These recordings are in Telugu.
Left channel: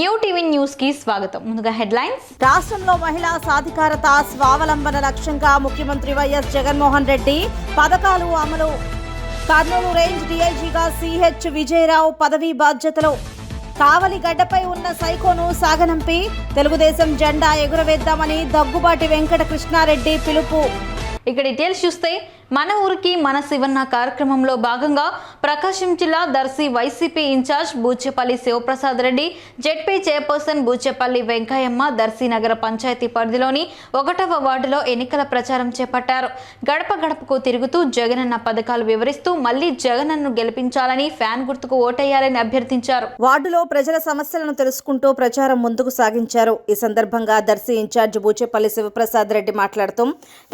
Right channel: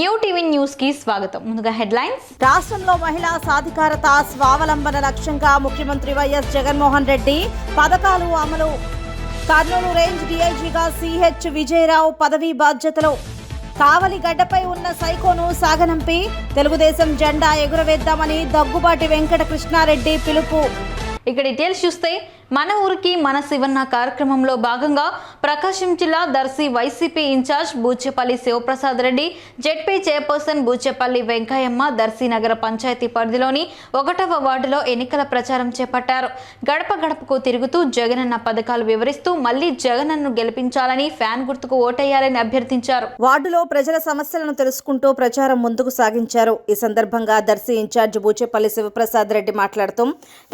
న్యూ టీవీ న్యూస్ కి స్వాగతం. ముందుగా హెడ్లైన్స్. రాష్ట్రంలో మహిళా సాధికారత స్వావలంబన లక్ష్యంగా ముఖ్యమంత్రి వైఎస్ జగన్మోహన్ రెడ్డి పథకాలు అమలు. కర్నూలు రేంజ్ డీఐజీగా సిహెచ్ విజయరావు పదవీ బాధ్యతలు. కావలి గడ్డపై ఉన్న సైకోను సాగనంపి తెలుగుదేశం జెండా ఎగురవేద్దామని దగ్గుబాటి వెంకట కృష్ణారెడ్డి పిలుపు. ఇక డీటెయిల్స్ చూస్తే మన ఊరికి మన శివన్న కార్యక్రమంలో భాగంగా ప్రకాశం జిల్లా Darsi YCP incharge Buchepalli Sivaprasad Reddy, ZP chairperson Buchepalli Venkayamma Darsi నగర పంచాయతీ పరిధిలోని 1వ వార్డులో ఎన్నికల ప్రచారం చేపట్టారు. గడప గడపకు తిరుగుతూ జగనన్న పథకాలు వివరిస్తూ మళ్లీ జగనన్ను గెలిపించాలని ఫ్యాన్ గుర్తుకు ఓటేయాలని అభ్యర్థించారు. వార్డులో ప్రజల సమస్యలను తెలుసుకుంటూ ప్రచారం ముందుకు సాగించారు. ఈ సందర్భంగా దర్శి ఇన్ఛార్జ్ బూచేపల్లి శివప్రసాద్ రెడ్డి మాట్లాడుతూ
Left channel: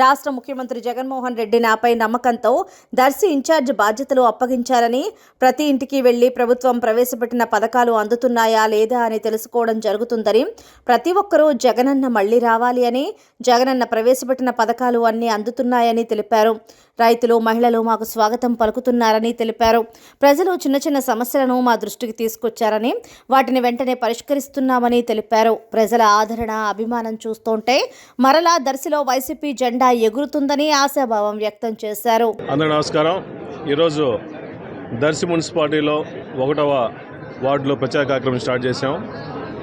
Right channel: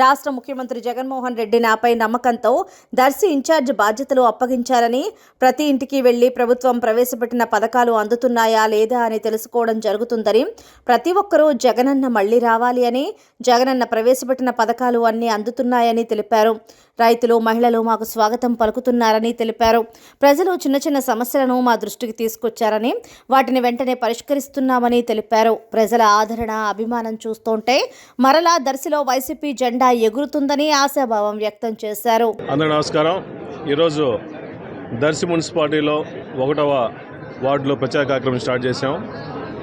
రాష్ట్ర ముఖ్యమంత్రి జగన్మోహన్ రెడ్డి నాపై నమ్మకంతో దర్శి ఇన్ఛార్జ్ బాధ్యతలు అప్పగించారని, ప్రతి ఇంటికి వెళ్లి ప్రభుత్వం ప్రవేశపెట్టిన పథకాలు అందుతున్నాయా లేదా అని తెలుసుకోవడం జరుగుతుందని, ప్రతి ఒక్కరూ జగనన్న మళ్లీ రావాలి అని, జగనన్న ప్రవేశపెట్టిన పథకాలు అన్నీ అందుతున్నాయని తెలిపారు. రైతులు, మహిళలు మాకు స్వాగతం పలుకుతున్నారని తెలిపారు. ప్రజలు చిన్న చిన్న సమస్యలను మా దృష్టికి తీసుకొచ్చారని, వాటిని వెంటనే పరిష్కరిస్తున్నామని తెలిపారు. ప్రజల ఆదరణ, అభిమానం చూస్తుంటే మరలా దర్శిలో వైసీపీ జెండా ఎగురుతుందని ఆశాభావం వ్యక్తం చేశారు. అందరూ నమస్కారం. ఈరోజు దర్శి మున్సిపాలిటీలో 1వ వార్డులో ప్రచార కార్యక్రమం స్టార్ట్ చేశాం.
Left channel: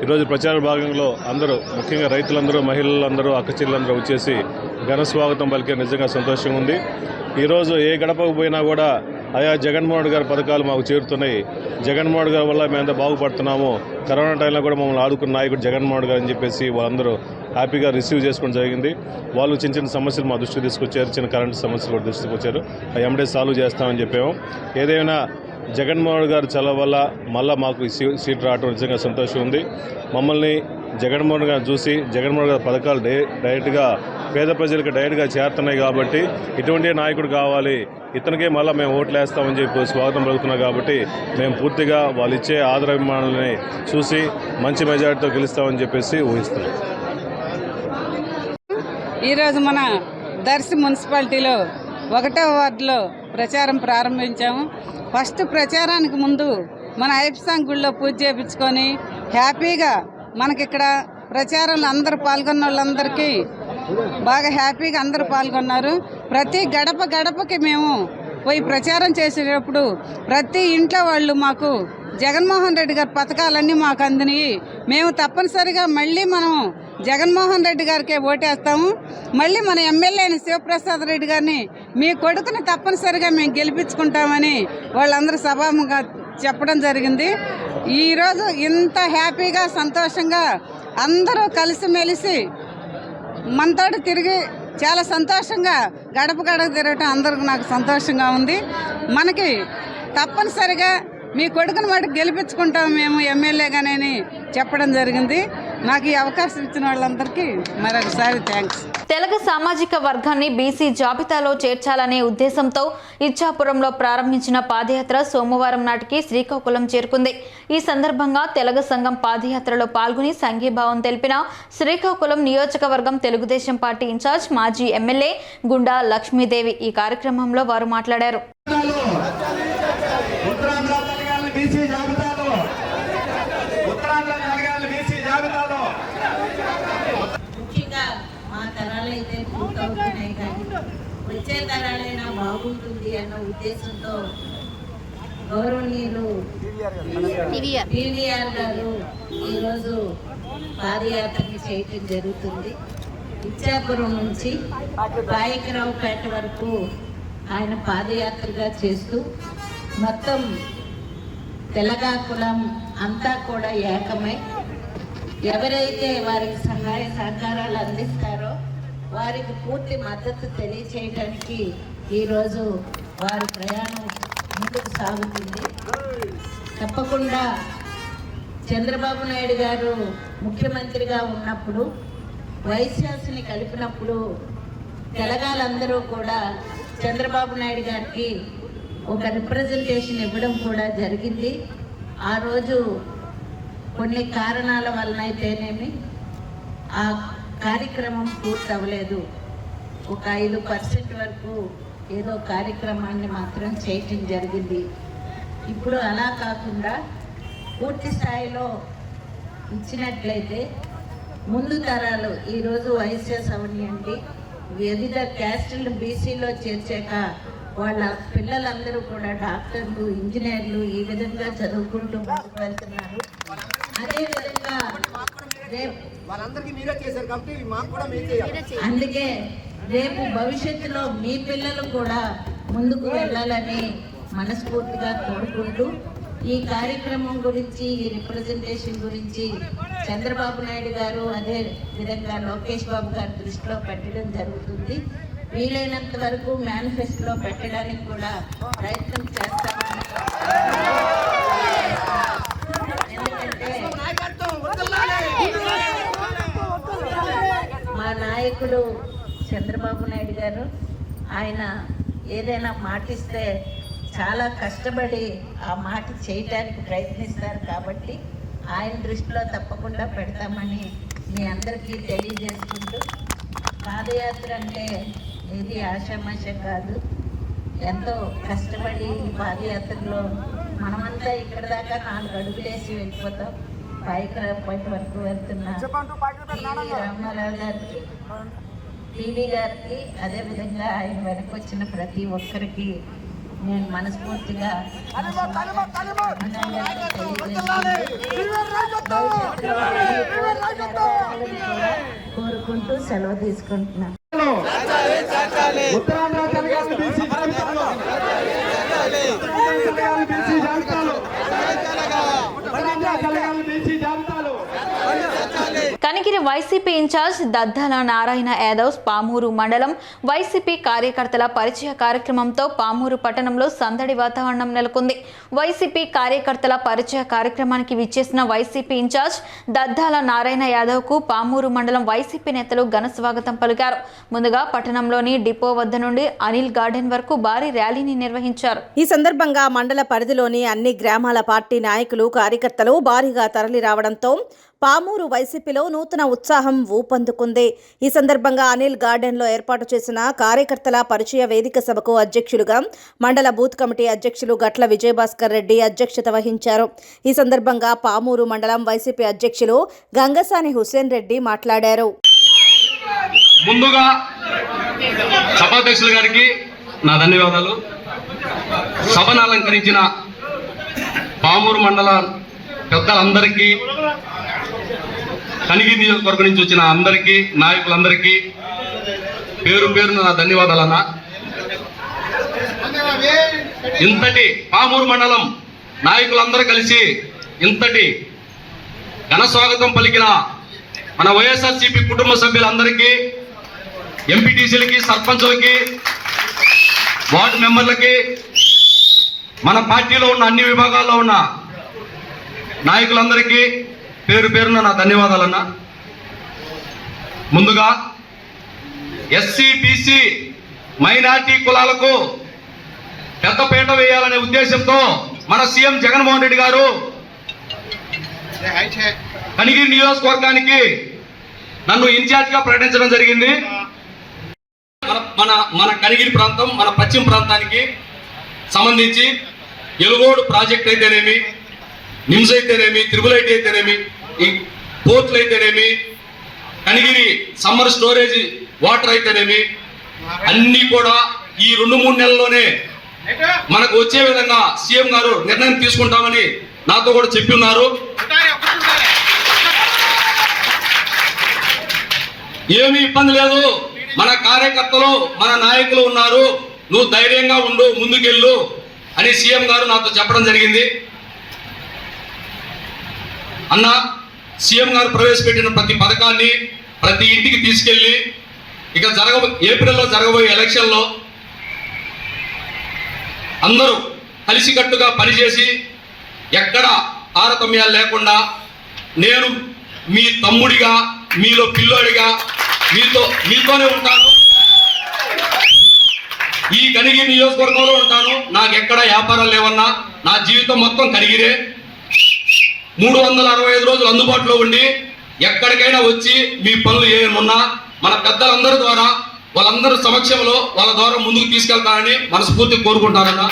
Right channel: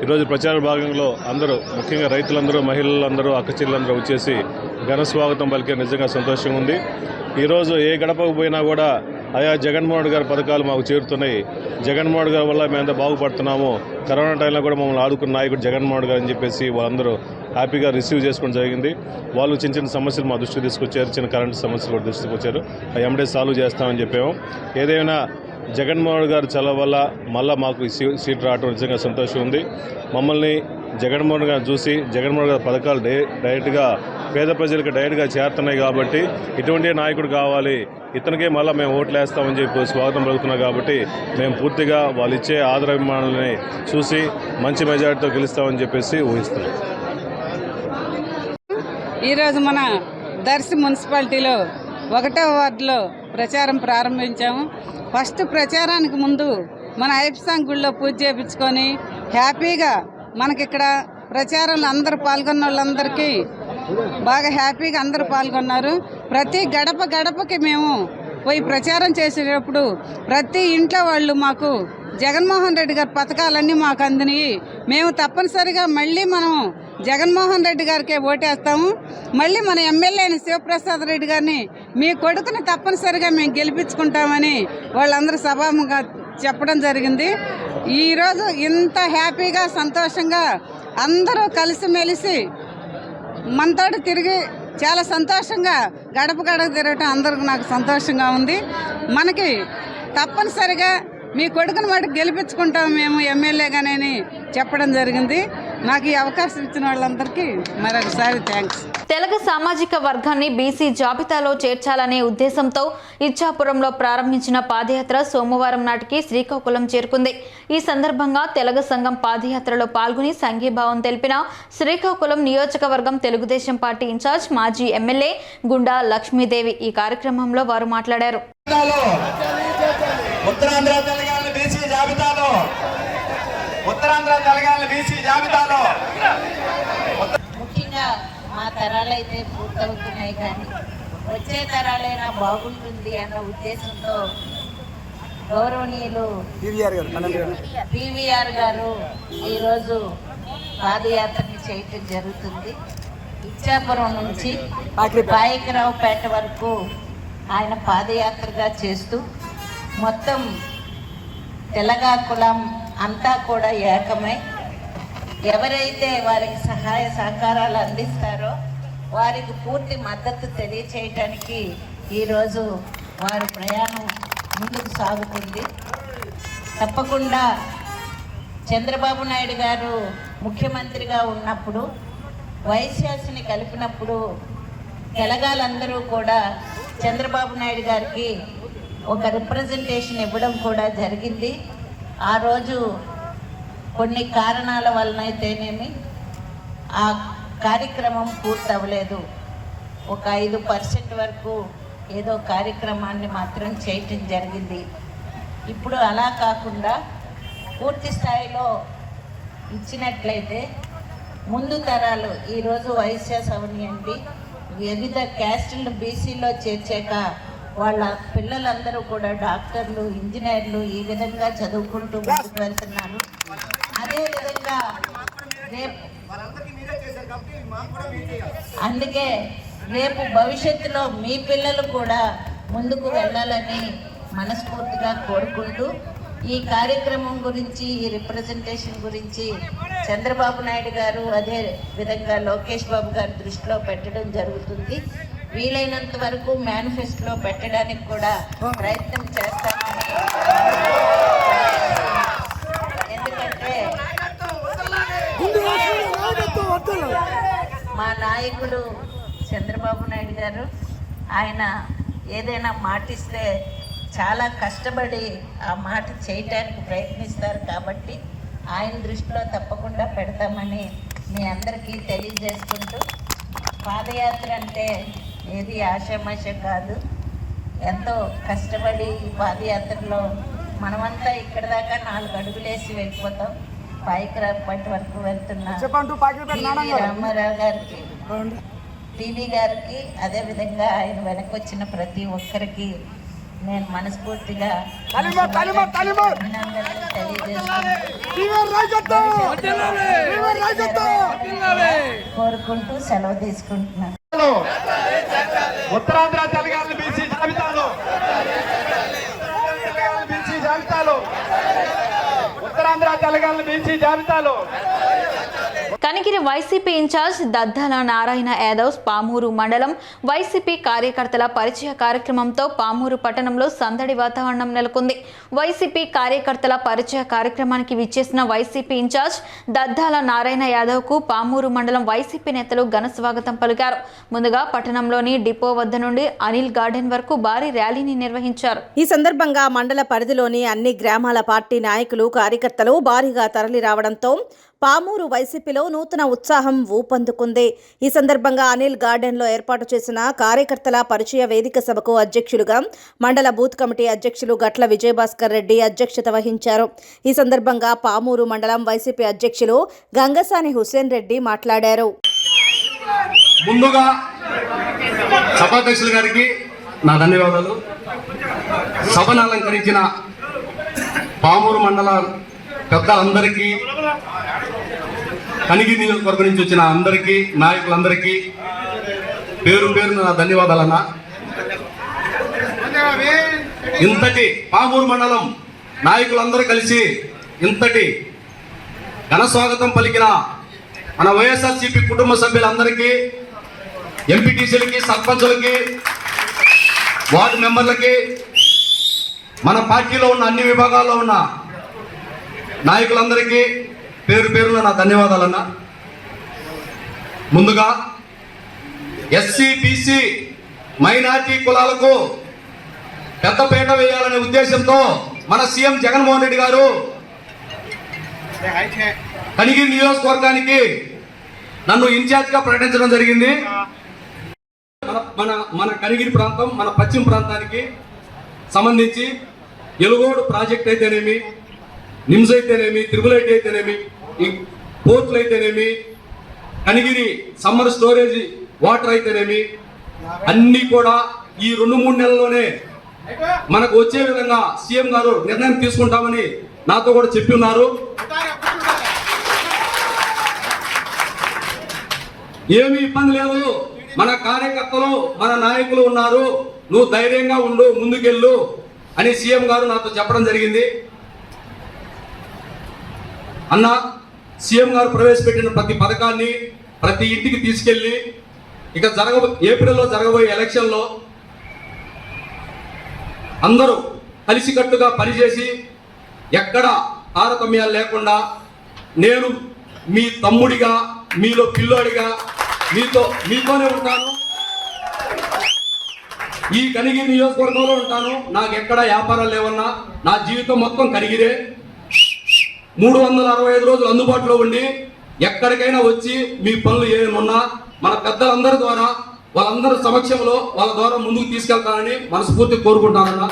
ఈరోజు ప్రచార భాగంలో అందరూ, ముఖ్యంగా రైతులందరూ, మహిళలందరూ, అక్కచెల్లెలందరూ వచ్చేసి ఘన స్వాగతం పలికే నిజంగా సంతోషంగా ఉంది. ఈరోజు ఏ గడపకు పోయినా కూడా అయా జగన్మోహన్ గారి పథకాలు మాకు చేరుతున్నాయి, జగన్మోహన్ గారి వల్ల మేమంతా బాగుపడుతున్నాము, కరోనా టైంలో కూడా మమ్మల్ని ఆదుకున్న నాయకుడు జగన్మోహన్ గారు అని చెప్పేసి వాళ్ళందరూ హ్యాపీగా రిసీవ్ చేసుకోవడం జరిగింది. వాళ్ళు చిన్న చిన్న సమస్యలు మా దృష్టికి తీసుకొచ్చారు, చిన్న కరెంటు సమస్యలు కూడా దృష్టికి వచ్చారు. అవి ఎమ్మడే సాల్వ్ చేస్తామని చెప్పాము. ఏదైనా జగన్మోహన్ గారు చలవ వల్ల మళ్ళీ మాకు సీట్ రావడం నిజంగా సంతోషం ఉంది. మమ్మల్ని జగన్మోహన్ గారు చూసి జగన్మోహన్ గారి పథకాలు డైరెక్ట్గా పేద ప్రజలకు డైరెక్ట్గా చేరుతున్నాయి కాబట్టి ఇటువంటి నాయకుడు కావాలి, ఇతనికే మళ్ళీ మేము ఓట్లు వేస్తామని చెప్పి స్వాగతం పలుకుతున్నాం. కాబట్టి మేము పూర్తిగా వాళ్ళు ఇచ్చే ఆదరాభిమానాలని చూసి మంచి మెజారిటీతో గెలుస్తామని చెప్పేసి ఊహిస్తున్నాం. ఈరోజు మన దర్శి మున్సిపాలిటీలో 1వ వార్డులో ప్రచారం ప్రారంభించాము. ఫస్ట్ ప్రచారానికి ముందు మన ఐప్సాంగ్ గుళ్ళో పూజ చేయించుకొని హ్యాపీగా మనకిక్కడ ప్రచారంలో అందరూ పాల్గొన్న వాళ్ళందరికీ బాగా హ్యాపీగా అందరూ పాల్గొన్నారు. ప్రతి గడప గడపకి మేము పోయి ప్రచారం చేసేటప్పుడు ప్రతి ఇంట్లో వాళ్ళు మాకు జగన్మోహన్ రెడ్డి గారి పథకాలన్నీ మాకు అందినాయి, మేము తప్పనిసరిగా మళ్ళీ మనం జగన్మోహన్ రెడ్డి గారికే ఓటేస్తాము, మళ్ళీ మన ఎమ్మెల్యే అయిన శివప్రసాద్ రెడ్డి గారిని మీ కొడుకుని తప్పనిసరిగా మేము గెలిపించుకుంటామని వాళ్ళందరూ సభాముగా చెప్పడం జరిగింది. ఈరోజు ఇంత హ్యాపీగా, సంతోషంగా అందరూ కలిసిమెలిసి మనతోటి తిరిగి చాలా సంతోషంగా గడప గడప తిరగటం అందరికి నాకు సంతోషంగా ఉంది. మనకి తప్పనిసరిగా మీ కొడుకుని మటుకు గెలిపించుకుంటాం మేము ఎమ్మెల్యేగానే చెప్పడం జరిగింది. నాకు ఈ అవకాశం ఇచ్చిన వాళ్ళందరికీ మరొకసారి థ్యాంక్స్. తెలుగు సామాజిక వర్గాన్ని బీసీ జాబితాలో చేర్చాలనే ఉద్దేశంతో ఇచ్చాపురంలో ప్రారంభించిన పాదయాత్ర సోమవారం నాటికి శ్రీకాకుళం చేరుకుంది. ఈ సందర్భంగా తెలుగు సంఘం పాదయాత్రలో పాల్గొని సంఘీభావం తెలిపిన శ్రీకాకుళం నియోజకవర్గం తెలుగుదేశం పార్టీ ఇన్ఛార్జ్ మాజీ ఎమ్మెల్యే గుండా లక్ష్మీదేవి ఈ కార్యక్రమంలో వారు మాట్లాడారు. ముఖ్యంగా మా తరాలైతే పూర్తవుతున్నాయి, కానీ వచ్చే తరాలైనా బాగుంటుంది అన్న ఉద్దేశంతో గౌరవనీయులు టీవీఆర్ గారు ఈరోజు పాదయాత్రని చేయటం జరుగుతుంది. ఇచ్చాపురం నుంచి పాయకరావుపేట వరకు ఆయన పాదయాత్రగా చేస్తూ మొత్తం తెలగా కులం అంతా కూడా ఏకమై ఎవరైతే వారికి సహాయ సహకారాలు అందిస్తారో వారికి పూర్తి మద్దతు తెలియచేయటానికి ఈరోజు వారి ప్రయాణం ముందుకు సాగుతుంది. తప్పకుండా చంద్రబాబు నాయుడు గారు ముఖ్యమంత్రిగా ఉన్నప్పుడు వైశ్యాస్ని కలిపినప్పుడు తెలగాలందరూ కూడా చంద్రబాబు నాయుడు గారికి ఒక రిప్రజెంటేషన్ ఇవ్వడం కూడా జరిగింది. ఆ రోజు కొన్ని కారణాల వలనైతేనేమి ఆ కార్యక్రమం పూర్తవ్వలేదు. ఒక 5% వరకు ఏదో కార్యక్రమాన్ని మాత్రం చేయటం జరిగింది. ఇప్పుడు అలా కాకుండా పూర్తి స్థాయిలో ఇచ్చినట్లయితే ముందు తరాలు ఈరోజు వైశ్య సవనియండి వివిధ క్యాస్టులను బీసీలో చేర్చాక వాళ్ళ పిల్లలందరూ కూడా డాక్టర్లు, ఇంజనీర్లు ఈ విధంగా చదువుకుంటూ ముందుకు వెళ్తున్నారు. అదేవిధంగా రేపు అందుకే రేపు భవిష్యత్తులో మీ పిల్లలు కూడా ముందుకు వెళ్ళాలని మనస్ఫూర్తిగా కోరుకుంటూ ఈ కార్యక్రమం గురించి, ఈ రిప్రజెంటేషన్ గురించి చంద్రబాబు నాయుడు గారు అదే విధంగా లోకేష్ బాబు గారి దృష్టిలో పెట్టడం జరుగుతుంది. వీలైనంత వరకు మేనిఫెస్టోలో పెట్టడానికి కూడా ప్రయత్నం చేస్తామని, ఎందుకంటే మా నాయకుడు చంద్రబాబు నాయుడు గారు ఆయన ఏదైనా మాటిస్తే చాలా కష్టపడి ఆ మాట చేయటానికి ప్రయత్నిస్తారు. కాబట్టి ఆయన దృష్టిలో తప్పకుండా పెడతామని మీ అందరికీ తెలియజేసుకుంటూ, పాదయాత్ర అంటే ఏది ఆషామాష కాదు. ఎంతో కష్టపడి ఈ పాదయాత్రలో మనమంతా ఇక్కడ దాకా 4 అడుగులేసి వెళ్ళిపోతాం. పాయికరాపేట వరకు వెళ్తున్న టీవీ రామారావు గారికి, టీవీ గారికి, అదేవిధంగా ఆయన వెనకొచ్చిన ప్రతి ఒక్కరికి నేను మనస్ఫూర్తిగా అభినందనలు తెలియజేసుకుంటూ భవిష్యత్తులో ఈ కోరిక నెరవేరాలని కూడా కోరుకుంటూ సెలవు తీసుకుంటున్నాను. ఉత్తరాంధ్ర తెలంగాణ బీసీ జాబితాలో, తెలంగాణ బీసీ జాబితాలో, ఉత్తరాంధ్ర తెలంగాణ బీసీ జాబితాలో కనిగిరి వైసీపీ ఇన్ఛార్జ్ దద్దాల నారాయణ యాదవ్ పామూరు మండలం వైసీపీ కార్యకర్తల పరిచయ కార్యక్రమంతో పామూరు పట్టణంలో సందడి వాతావరణం నెలకొంది. వైసీపీ కార్యకర్తల పరిచయ కార్యక్రమానికి విచ్చేసిన వైసీపీ ఇన్ఛార్జ్ దద్దాల నారాయణ యాదవ్కు పామూరు మండలం వైసీపీ నేతలు ఘన స్వాగతం పలికారు. ముందుగా పట్టణంలోని డిపో వద్ద నుండి అనిల్ గార్డెన్ వరకు భారీ ర్యాలీని నిర్వహించారు. ఈ సందర్భంగా మండల పరిధిలోని అన్ని గ్రామాల పార్టీ నాయకులు, కార్యకర్తలు భారీగా తరలి రావడంతో పామూరు వైసీపీలో నూతన ఉత్సాహం ఊపందుకుంది. ఈ సందర్భంగా అనిల్ గార్డెన్లో ఏర్పాటు చేసిన కార్యకర్తల పరిచయ వేదిక సభకు అధ్యక్షులుగా మండల బూత్ కమిటీ అధ్యక్షులు గట్ల విజయభాస్కర్ రెడ్డి అధ్యక్షత వహించారు. ఈ సందర్భంగా పామూరు మండలం వైసీపీ అధ్యక్షులు గంగసాని హుసేన్ రెడ్డి మాట్లాడారు. ముందుగా సభాధ్యక్షులు గారికి నా ధన్యవాదాలు. సభను అలంకరించిన పామూరు మండల పెద్దలందరికీ, కనిగిరి నియోజకవర్గం నుంచి వచ్చిన అందరికీ, నాయకులందరికీ పేరు పేరున నా ధన్యవాదాలన్నా. ఇంతటి పామూరు మండలం నాయకులందరూ కలిసి ఇంతటి ఘన స్వాగతం పలికిన మన వైఎస్ఆర్సీపీ కుటుంబ సభ్యులందరికీ, ఎంపీటీసీలకి, సర్పంచులకి, వార్డు మెంబర్లకి, మన పార్టీలో ఉన్న అన్ని విభాగాల్లో ఉన్న నాయకులందరికీ పేరు పేరున నా ధన్యవాదాలన్నా. ముందుగా ఎస్సీ, బీసీ, మైనార్టీ కులాలకు పెద్దపీట వేయాలనే ఉద్దేశంతో మన సీఎం జగన్మోహన్ రెడ్డి గారు కనిగిరి నియోజకవర్గానికి నన్ను ఇన్ఛార్జిగా ప్రకటించడం జరిగింది. మన కనిగిరి ప్రాంతం, మన పశ్చిమ ప్రాంతానికి సంబంధించి ఎలుగోడు ప్రాజెక్ట్ అయితేనేమి, నిమ్స్ అయితేనేమి, త్రిబుల్ అయితేనేమి, ఈ పోర్టులు అయితేనేమి, కనిగిరి సమ్మర్ స్టోరేజ్ వాటర్ అయితేనేమి, అన్ని కూడా ఈ 2-3 నెలల్లోనే మనకు వచ్చే విధంగా సీఎం గారు నిర్ణయం తీసుకుంటామని నాతో కూడా చెప్పి ఉన్నారు. ఏమీ ఇబ్బంది లేదు, మన కార్యకర్తలు, మన నాయకులు ఉన్నారు, నువ్వు ధైర్యంగా ఉండు, ముందుకెళ్ళు అని సీఎం గారు నాతో చెప్పడం జరిగింది. అన్న, సీఎం గారు ప్రవేశపెట్టిన ప్రతి పథకాన్ని ప్రతి ఇంటికి తీసుకెళ్లి ఇక ఏప్రిల్లో జరగబోయే ఎలక్షన్లో అందరూ కలిసికట్టుగా పనిచేసి ఎక్కడ తారతమ్యాలు లేకుండా నేను మీ తమ్ముడిగా, మీలో పిల్లోడిగా మీతోనే ఉంటాను. ఈ కనిగిరి నియోజకవర్గంలో ఉంటాను. నాకు ఎక్కడ వ్యాపారాలు లేవన్నా, నా జీవితం మొత్తం కనిగిరే. 365 రోజులు అందుబాటులో ఉండి ఎక్కడికైనా వచ్చి మీ పనులు ఏమన్నా మన పెద్దలందరి ద్వారా, వాళ్ళందరి సమక్షంలో వాళ్ళ ద్వారా ముందుకు తీసుకెళ్తానని మనస్ఫూర్తి కోరుకుంటానన్నా.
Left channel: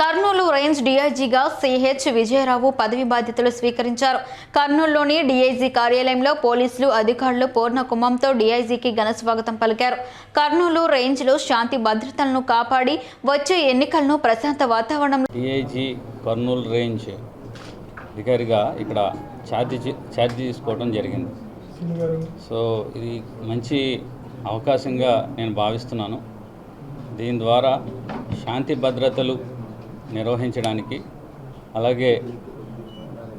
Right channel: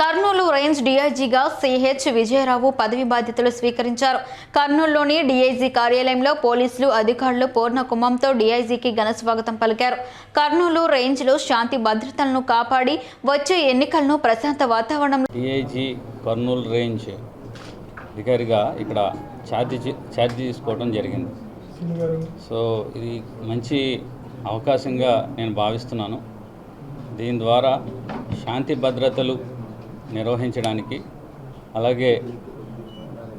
కర్నూలు రేంజ్ డీఐజీగా సిహెచ్ విజయరావు పదవి బాధ్యతలు స్వీకరించారు. కర్నూలులోని డీఐజీ కార్యాలయంలో పోలీసులు అధికారులు పూర్ణ కుంభంతో డీఐజీకి ఘన స్వాగతం పలికారు. కర్నూలు రేంజ్లో శాంతి భద్రతలను కాపాడి వచ్చే ఎన్నికలను ప్రశాంత వాతావరణంలో డీఐజీ కర్నూలు రేంజ్ అధికారిగా ఇక్కడ ఛార్జ్ తీసుకోవడం జరిగింది. సో ఇది మంచి అవకాశంగా నేను భావిస్తున్నాను. దీని ద్వారా శాంతి భద్రతలు నిర్వహించడానికి, అలాగే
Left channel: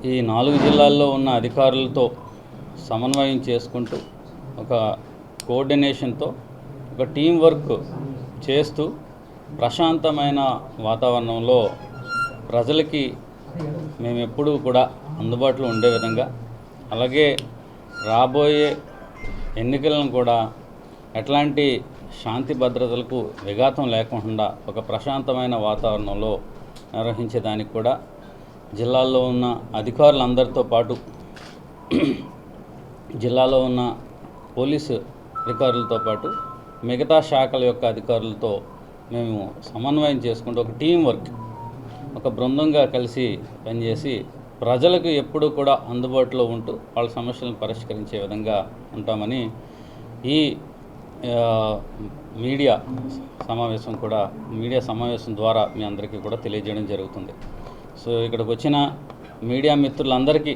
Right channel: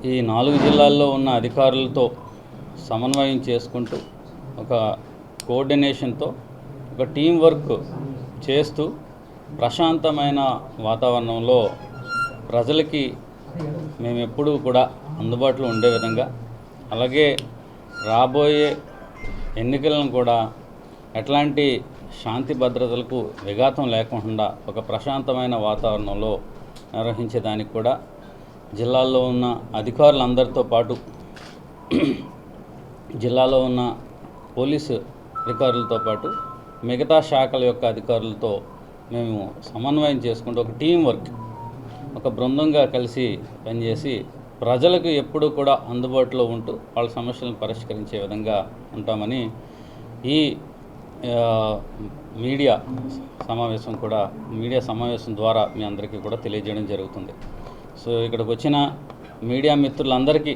ఈ 4 జిల్లాల్లో ఉన్న అధికారులతో సమన్వయం చేసుకుంటూ ఒక కోఆర్డినేషన్తో ఒక టీం వర్క్ చేస్తూ ప్రశాంతమైన వాతావరణంలో ప్రజలకి మేము ఎప్పుడూ కూడా అందుబాటులో ఉండే విధంగా, అలాగే రాబోయే ఎన్నికలను కూడా ఎట్లాంటి శాంతి భద్రతలకు విఘాతం లేకుండా ఒక ప్రశాంతమైన వాతావరణంలో నిర్వహించేదానికి కూడా జిల్లాల్లో ఉన్న అధికారులందరితో పాటు జిల్లాలో ఉన్న పోలీసు అధికారులతో పాటు మిగతా శాఖల యొక్క అధికారులతో మేము సమన్వయం చేసుకుంటూ ఒక టీం వర్క్, ఒక బృందంగా కలిసి పనిచేసి ప్రజలకు ఎప్పుడూ కూడా అందుబాటులో ఉంటూ వాళ్ళ సమస్యలను పరిష్కరించే విధంగా ఉంటామని ఈ మీడియా సమావేశం ద్వారా మీ అందరికీ కూడా తెలియజేయడం జరుగుతుంది. సో ఇక్కడికి వచ్చిన మీడియా మిత్రులందరికీ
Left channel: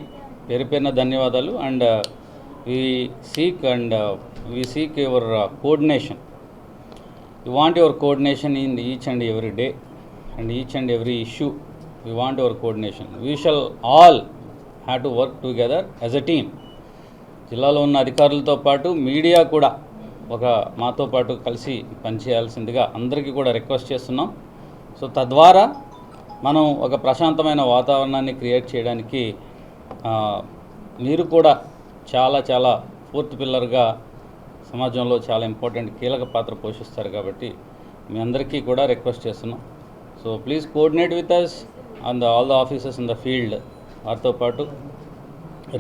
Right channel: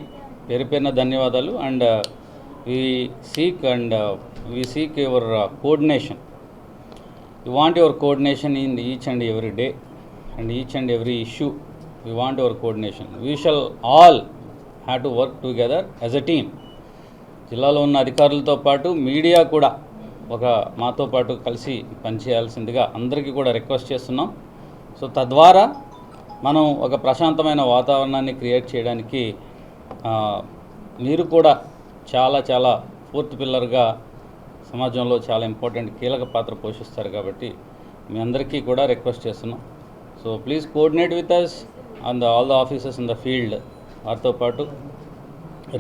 పేరు పేరున ధన్యవాదాలు. And we seek your coordination. We want your coordination in each and every day and each and every issue. We want your coordination. We shall all have to work together as a team. జిల్లాలో ఉన్న అధికారులతో పాటు మీడియా కూడా మాతో పాటు కలిసి పనిచేయాల్సిందిగా అందరికీ కూడా రిక్వెస్ట్ చేస్తున్నాం. సో తద్వారా మనం ఒక ప్రశాంతమైన వాతావరణాన్ని క్రియేట్ చేయడానికి మీరు కూడా చాలా ఫోర్త్ పిల్లర్గా సమాజంలో చాలా ఇంపార్టెంట్ కీలక పాత్ర పోషిస్తారు కాబట్టి మీ అందరికీ కూడా రిక్వెస్ట్ చేస్తున్నాం. So please coordinate with us on all the officers in the field. వారితో పాటు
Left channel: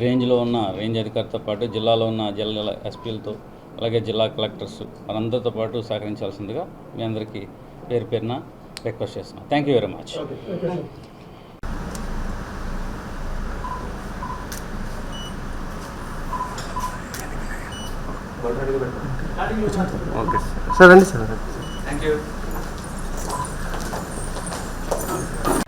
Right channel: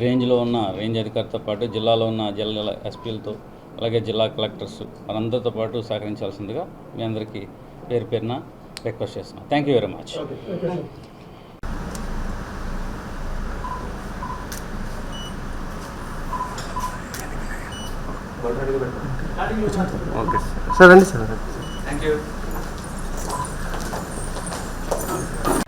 రేంజ్లో ఉన్న రేంజ్ అధికారితో పాటు జిల్లాలో ఉన్న జిల్లా ఎస్పీలతో, అలాగే జిల్లా కలెక్టర్స్ వారందరితో పాటు సహకరించాల్సిందిగా మీ అందరికీ పేరు పేరున రిక్వెస్ట్ చేస్తున్నాం. Thank you very much. Okay sir, రండి సార్. Thank you.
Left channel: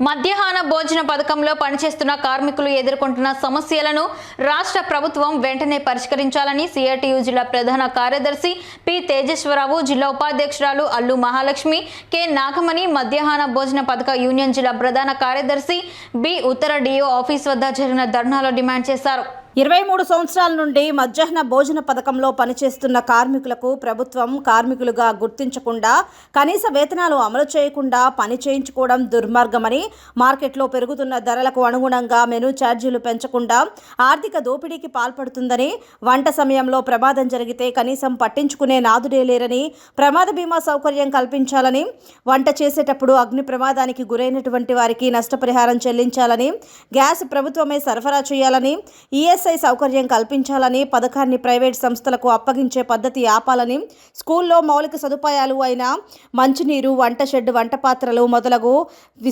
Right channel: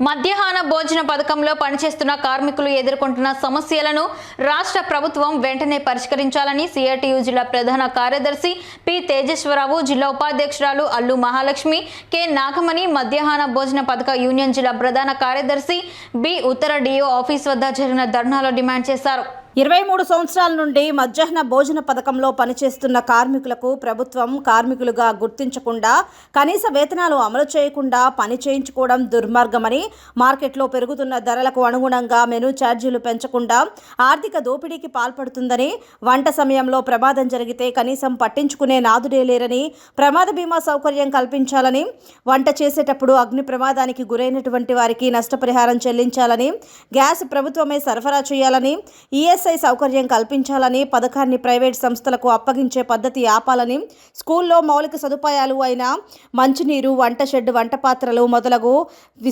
మధ్యాహ్న భోజన పథకంలో పనిచేస్తున్న కార్మికులు ఎదుర్కొంటున్న సమస్యలను రాష్ట్ర ప్రభుత్వం వెంటనే పరిష్కరించాలని సిఐటియు జిల్లా ప్రధాన కార్యదర్శి పి తేజేశ్వరరావు, జిల్లా ఉపాధ్యక్షురాలు అల్లు మహాలక్ష్మి, కె నాగమణి, మధ్యాహ్న భోజన పథక యూనియన్ జిల్లా ప్రధాన కార్యదర్శి బి ఉత్తర డిఓ ఆఫీస్ వద్ద జరిగిన ధర్నాలో డిమాండ్ చేశారు. 23 సంవత్సరాల నుండి మధ్యాహ్న భోజన పథకంలో పనిచేస్తున్న కార్మికులకు ప్రభుత్వం కార్మికులుగా గుర్తించకుండా, కనీస వేతనాలు అమలు చేయకుండా పని చేయించుకోవడం దుర్మార్గమని, మార్కెట్లో పెరుగుతున్న ధరలకు అనుగుణంగా మెనూ ఛార్జీలు పెంచకుండా ఆర్థిక దోపిడీకి పాల్పడుతుందని, వంట సమయంలో ప్రమాదం జరిగితే కనీసం పట్టించుకునే నాదుడే లేరని, ప్రమాద బీమా సౌకర్యం కల్పించాలని, వంట చేసేటప్పుడు అగ్ని ప్రమాదానికి గురైనటువంటి వారికి నష్టపరిహారం చెల్లించాలని, గ్యాస్ ప్రభుత్వమే సరఫరా చేయాలని, ఈఎస్ఐ సౌకర్యం కల్పించాలని, పథకాన్ని ప్రైవేట్ సంస్థలకు అప్పగించే పద్ధతి ఆపాలని, స్కూల్లో మౌలిక సదుపాయాలు అయిన మంచినీరు, వంట షెడ్, వంట పాత్రలు మొదలగు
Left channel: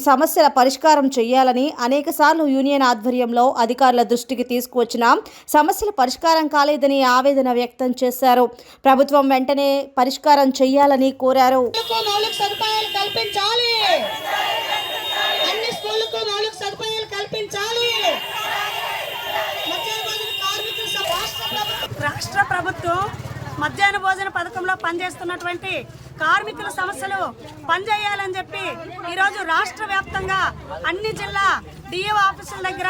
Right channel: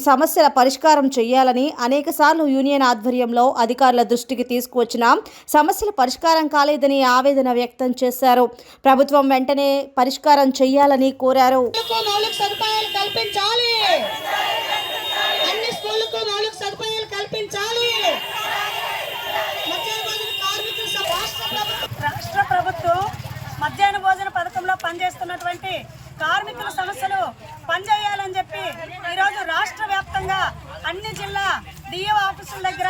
సమస్యల పరిష్కారం చేయాలని అనేకసార్లు యూనియన్ ఆధ్వర్యంలో అధికారుల దృష్టికి తీసుకువచ్చిన సమస్యల పరిష్కారం కాలేదని ఆవేదన వ్యక్తం చేశారు. ప్రభుత్వం వెంటనే పరిష్కారం చేయాలని కోరారు. రాష్ట్ర ప్రభుత్వం మధ్యాహ్న భోజన పథకంలో పనిచేస్తున్నటువంటి కార్మికుల సమస్యలు పనిచేయాలని చెప్పి ఈరోజు రాష్ట్ర వ్యాప్తంగా అన్ని జిల్లా డిఓ ఆఫీసుల దగ్గర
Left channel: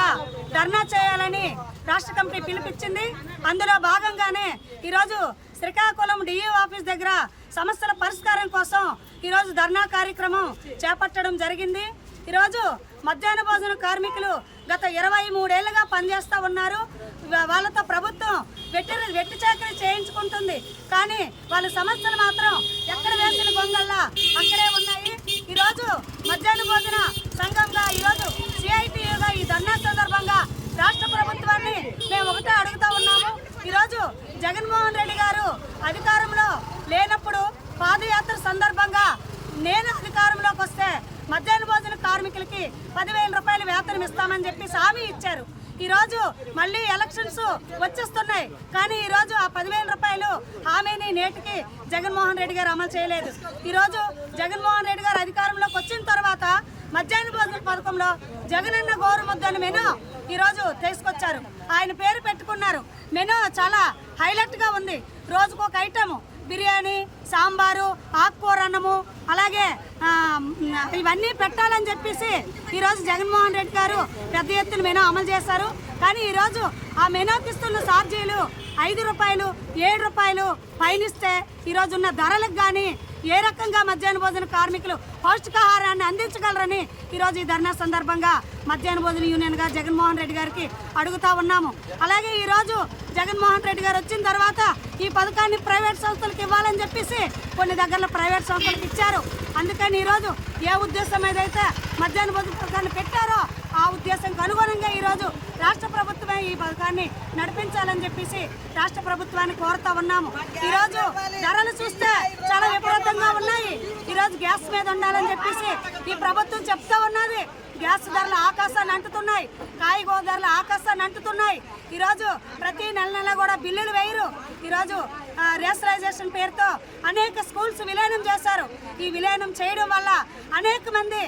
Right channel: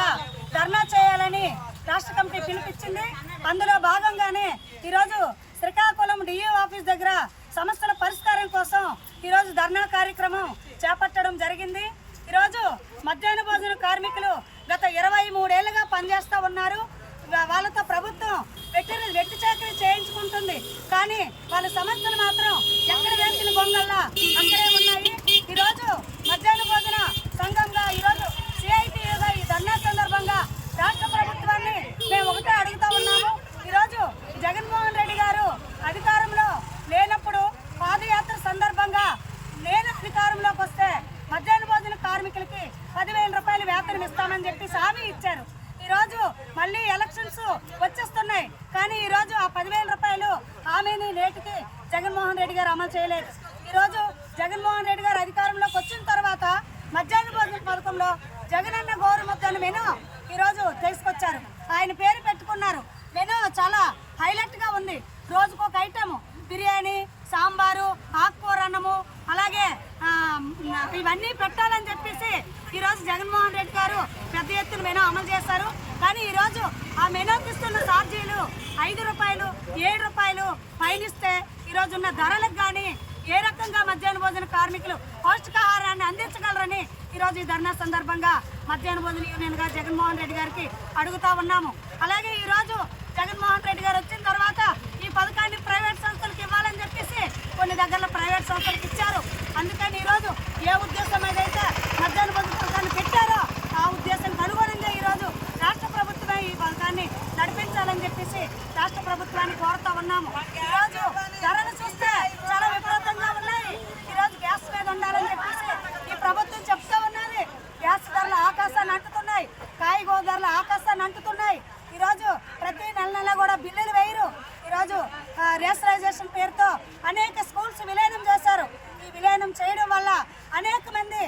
ధర్నా చేయాలని రాష్ట్ర కమిటీ పిలుపునిచ్చింది. అందులో భాగంగానే ఈరోజు శ్రీకాకుళం డిఓ ఆఫీస్ దగ్గర సమస్యల పరిష్కారం కోసం ఈరోజు ధర్నా కార్యక్రమం చేపట్టడం జరిగింది. ఈరోజు మధ్యాహ్న భోజన కార్మికులు గత 23 ఏళ్లుగా పనిచేస్తూ ఉన్నారు. వాళ్ళతో ప్రభుత్వం వెట్టి చాకరీ చేయించుకుంటుంది, కానీ వాళ్ళ సమస్యలు మాత్రం ఎక్కడ వేసిన గొంగల్లా అక్కడే ఉన్నాయి. ఈరోజు మధ్యాహ్న భోజన సంఘంగా ఈరోజు సిఐటియుగా ఈ ధర్నా సందర్భంగా రాష్ట్ర ప్రభుత్వాన్ని మేము ఒకటే అడుగుతా ఉన్నాము. ఈరోజు జగన్మోహన్ రెడ్డి గారు అధికారంలో లేనప్పుడు పాదయాత్ర సందర్భంగా నేను అధికారంలోకి వస్తే మధ్యాహ్న భోజన కార్మికులకి 10,000 రూపాయలు వేతనం ఇస్తామని చెప్పి హామీ ఇచ్చారు. ఈరోజు మళ్ళీ ఎలక్షన్స్ వచ్చేస్తున్నాయి, కానీ ఈరోజు ఆ 10,000 రూపాయలు హామీని నేటికి జగన్మోహన్ రెడ్డి గారు అమలు చేయలేదు. ఈరోజు జగన్మోహన్ రెడ్డి గారు అధికారంలోకి వచ్చిన తర్వాత మధ్యాహ్న భోజన పథకంలో జగనన్న గోరుముద్దను మెను ఈరోజు తీసుకొచ్చారు. ఆయన పేరు పెట్టుకున్నారు. మెను చాలా హైలైట్గా ఉంది. రోజుకొక ఐటము, బిర్యానీ, సాంబారు, ఆకుకూర అన్నము, అలాగే ఇవన్నీ పెట్టాలని చెప్పేసి ఈరోజు జగన్మోహన్ రెడ్డి గారు పెద్ద ఎత్తున మెనూ అమలు చేశారు. కానీ ఈరోజు ఆ మెనూకి ఇస్తున్న ఛార్జీలు 5 రూపాయలు, 7 రూపాయలు పయనిస్తే ఈరోజున్న ధరలకు కానీ ఏ రకంగా మధ్యాహ్న భోజన కార్మికులు పౌష్టికాహారాన్ని అందించగలరని ఈరోజు ఈ ధర్నా సందర్భంగా మధ్యాహ్న భోజన యూనియన్గా జగన్మోహన్ రెడ్డి గారికి అడుగుతా ఉన్నాము. అలాగే ఈరోజు జగన్మోహన్ రెడ్డి గారు వచ్చిన తర్వాత ఈ పథకాన్ని ప్రైవేట్ సంస్థలకు ఇవ్వాలని చెప్పేసి కొన్ని దగ్గరలో ప్రైవేట్ సంస్థలకు ఇచ్చారు. అందుకని ఈరోజు ఏ ఉద్దేశం ఏదైతే మధ్యాహ్న భోజన పథకాన్ని పెట్టారో ఆ ఉద్దేశంకి అనుగుణంగా ఈరోజు రాష్ట్ర ప్రభుత్వమే ఈ పథకాన్ని నడిపించాలని చెప్పేసి రాష్ట్ర ప్రభుత్వాన్ని కోరుతా ఉన్నాము. ఈరోజు ధరలు చూస్తే చాలా విపరీతంగా ఉన్నాయి. ఈరోజు గ్యాస్ మీద ఉండాలని చెప్పేసి ఈ ప్రభుత్వం చెప్తా ఉన్నది. గ్యాస్ ధరలు ఆకాశాన్ని అంటుతున్నాయి, కాయగూర ధరలు ఆకాశాన్ని అంటుతున్నాయి. ఈరోజు ప్రతి నెల కూడా బిల్లులు వేయరు. ఈరోజు రేషనలైజేషన్ పేరుతో అనేక స్కూల్స్ విలీనం చేశారు. ఈ విలీనం చేయడం వల్ల అనేక మంది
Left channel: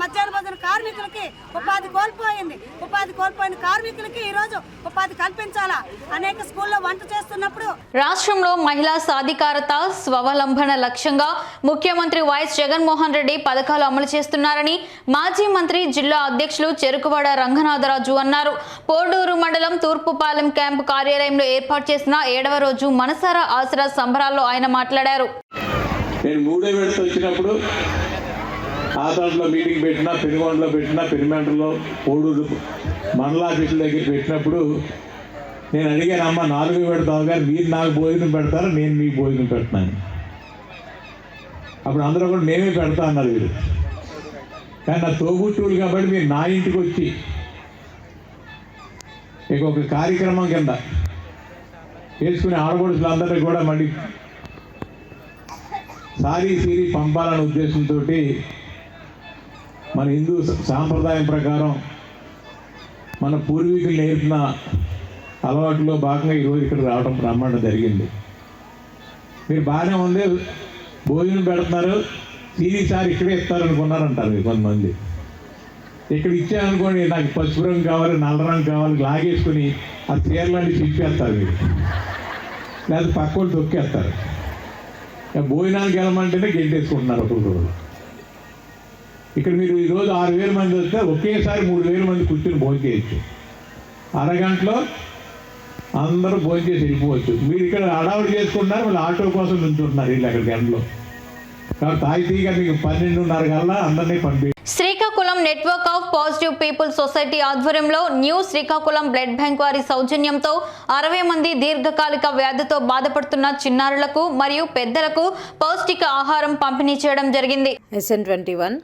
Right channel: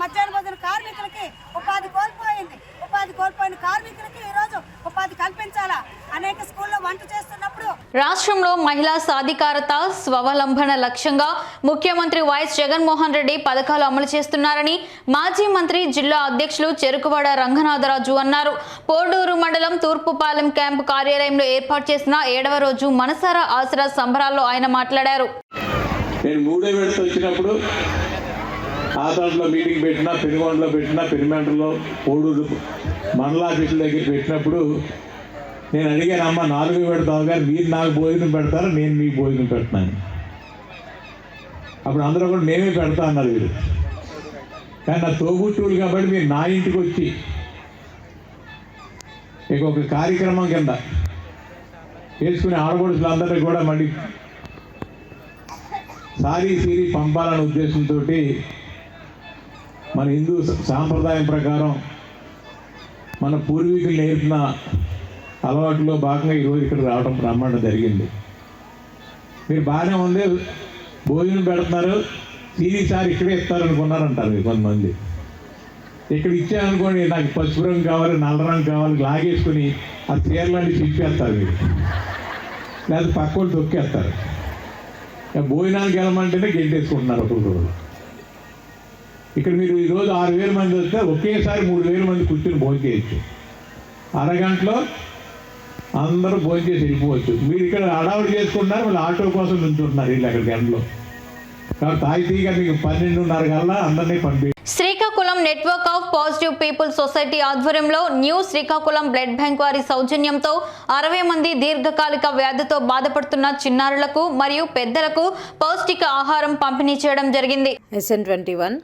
మధ్యాహ్న భోజన కార్మికులకి ఉపాధి కోల్పోయింది. ఉపాధి కోల్పోయిన కార్మికులకి ఈరోజు ఉపాధి కల్పించాలా. అనేక స్కూల్లో వంట చేస్తున్నప్పుడు రాష్ట్రంలో మహిళా సాధికారత, స్వావలంబన లక్ష్యంగా ముఖ్యమంత్రి వైఎస్ జగన్మోహన్ రెడ్డి పథకాలు అమలు చేస్తున్నారని మాజీ మంత్రి, జిల్లా అధ్యక్షులు చెరుకువాడ రంగనాథరాజు అన్నారు. పోడూరు మండలం తూర్పుపాలెం క్యాంపు కార్యాలయంలో ఏర్పాటు చేసిన 7వ రోజు మనసారా ఆసరా సంబరాల్లో ఆయన మాట్లాడారు. నేను 3వ విడత వచ్చినప్పుడు ఆతాడులో మీటింగ్ పెట్టినా, పెనుగొండలో పెట్టినా, పెరిమెంటలో, పోడూరు మండలాఫీసుల దగ్గర పెట్టినప్పుడు నేను అడిగాను, అమ్మ 4వ విడత అవగానే మీరు నాకు భోజనం పెడతారా, నేను మీకు భోజనం పెడతాను. అప్పుడు అందరూ కూడా మేమే పెడతా అన్నారు వీరు. కానీ నా తోబుట్టువులు కాబట్టి మీరు నా ఇంటికి వచ్చి ఇక ఒక కార్యక్రమం కింద వేసుకునే ఆడపడుచులు అందరినీ కూడా మళ్ళీ సారీ సీరీ పంపాలనే ఉద్దేశంతో మన హిందూ సాంప్రదాయం ప్రకారం మన పూర్వీకులు నేర్పిన అలవాటులో భాగంగా ఈరోజు ఇక్కడ రమ్మడం జరిగింది. మీరు బాగానే ఉంది, భోజనం పెడుతున్నారు, సీరీ సార్ ఇక్కడే ఇస్తారనుకున్నారంటారు మీరు కొంతమంది. ఇక్కడ ఇచ్చారనుకోండి, నాకు పసుపు రంగు కావాలి, నల్ల రంగు కావాలి, లాగేసుకుని ఆ చీరలన్నీ చింపేస్తారు మీరు, లేదా పక్కన తొక్కేస్తారు. భోజనానికి వెళ్ళమంటేనే గెంటేసుకుంటున్నారు ఒక్కొక్కరు. ఇక్కడ మీరు ఈరోజు 6,000 మంది వస్తే ఒకేసారి 3,000 మంది కూర్చొని భోజనం చేయొచ్చు. అరగంటలో అందరూ భోజనం చేసి వెళ్ళిపోవచ్చు. మీరు ఇక్కడ హడావుడి చేసుకుంటున్నారు, వాళ్ళు ఆటో కోసం నుంచుంటున్నారు వీళ్ళు అక్కడ గంటలో. కాబట్టి తాయితీగా మీకు 12:30 కల్లా అందరినీ పంపి. Srikakulam network of positive people society ఆధ్వర్యంలో న్యూ శ్రీకాకుళం బ్లడ్ బ్యాంక్ వారి సౌజన్యంతో 60 మంది దీర్ఘకాలిక వ్యాధితో బాధపడుతున్న చిన్నారులకు మరియు పెద్దలకు పౌష్టిక ఆహారం పంపిణీ చేయడం జరిగింది. SN21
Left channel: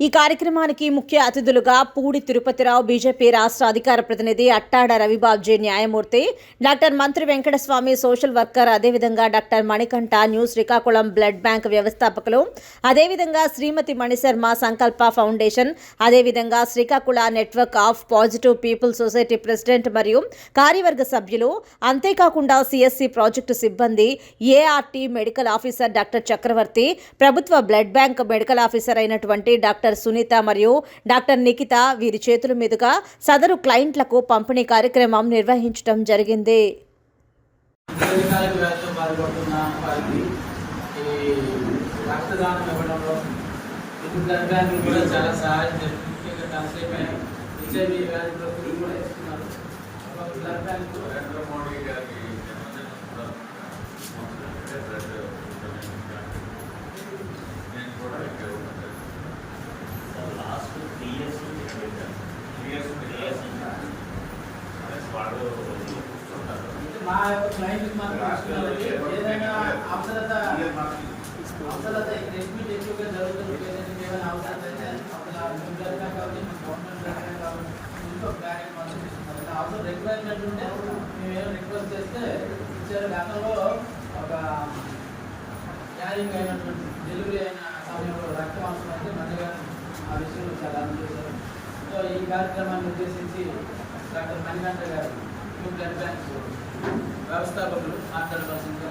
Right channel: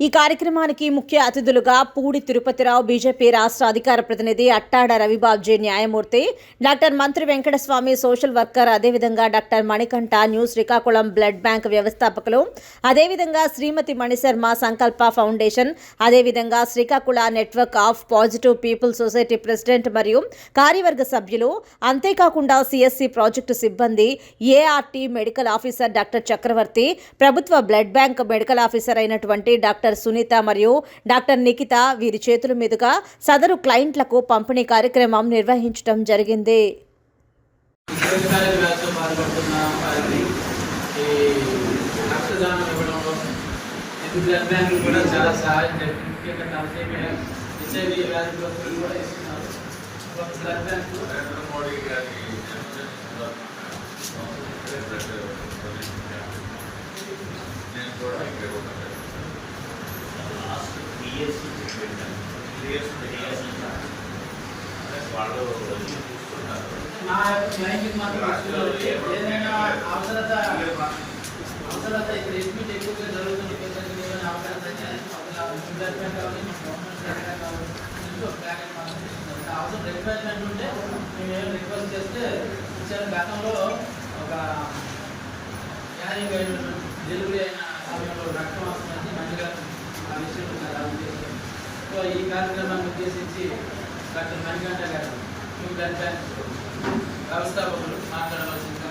ఈ కార్యక్రమానికి ముఖ్య అతిథులుగా పూడి తిరుపతిరావు, బీజేపీ రాష్ట్ర అధికార ప్రతినిధి, అట్టాడ రవిబాబ్జీ న్యాయమూర్తి, doctor Mantri Venkataswamy social worker, అదేవిధంగా doctor Manikanta new Srikakulam blood bank వ్యవస్థాపకులు, అదేవిధంగా శ్రీమతి మణిశర్మ సంకల్ప ఫౌండేషన్, అదేవిధంగా Srikakula network of positive people society president మరియు కార్యవర్గ సభ్యులు, అంతేకాకుండా సిఎస్సి ప్రాజెక్టు సిబ్బంది, ART medical officer doctor Chakravarthi, ప్రభుత్వ బ్లడ్ బ్యాంక్ మెడికల్ ఆఫీసర్ అయినటువంటి డాక్టర్ సునీత మరియు డాక్టర్ నిఖిత వీరి చేతుల మీదుగా సదరు క్లయింట్లకు పంపిణీ కార్యక్రమం నిర్వహించడం జరిగింది. మా యొక్క క్లయింట్కి మాత్రం ఏదైనా అవసరత ఇక్కడ ఎడ్మిట్ ఎక్కువగా జరుగుతున్న పేషెంట్కి ఏమైనా అవసరం అయితే బ్లడ్ బ్యాంక్ కావాలి, గవర్నమెంట్ బ్యాంక్ మాత్రం అవసరం రిక్వైర్మెంట్ ఉంటే మేము ఏం రిక్వెస్ట్ చేస్తే ఇచ్చారు. గతంలో ఒక క్యారింగ్ అయిన డెలివరీ అయిన సమయంలో రక్తం అవసరం అయితే మంచిగా ఆ విషయంలో చాలా చేశారు. సో ఈ కార్యక్రమాన్ని ఉద్దేశించి డాక్టర్ మణికంఠ గారు న్యూ బ్లడ్ బ్యాంక్ వ్యవస్థాపకులు మాట్లాడవలసిందిగా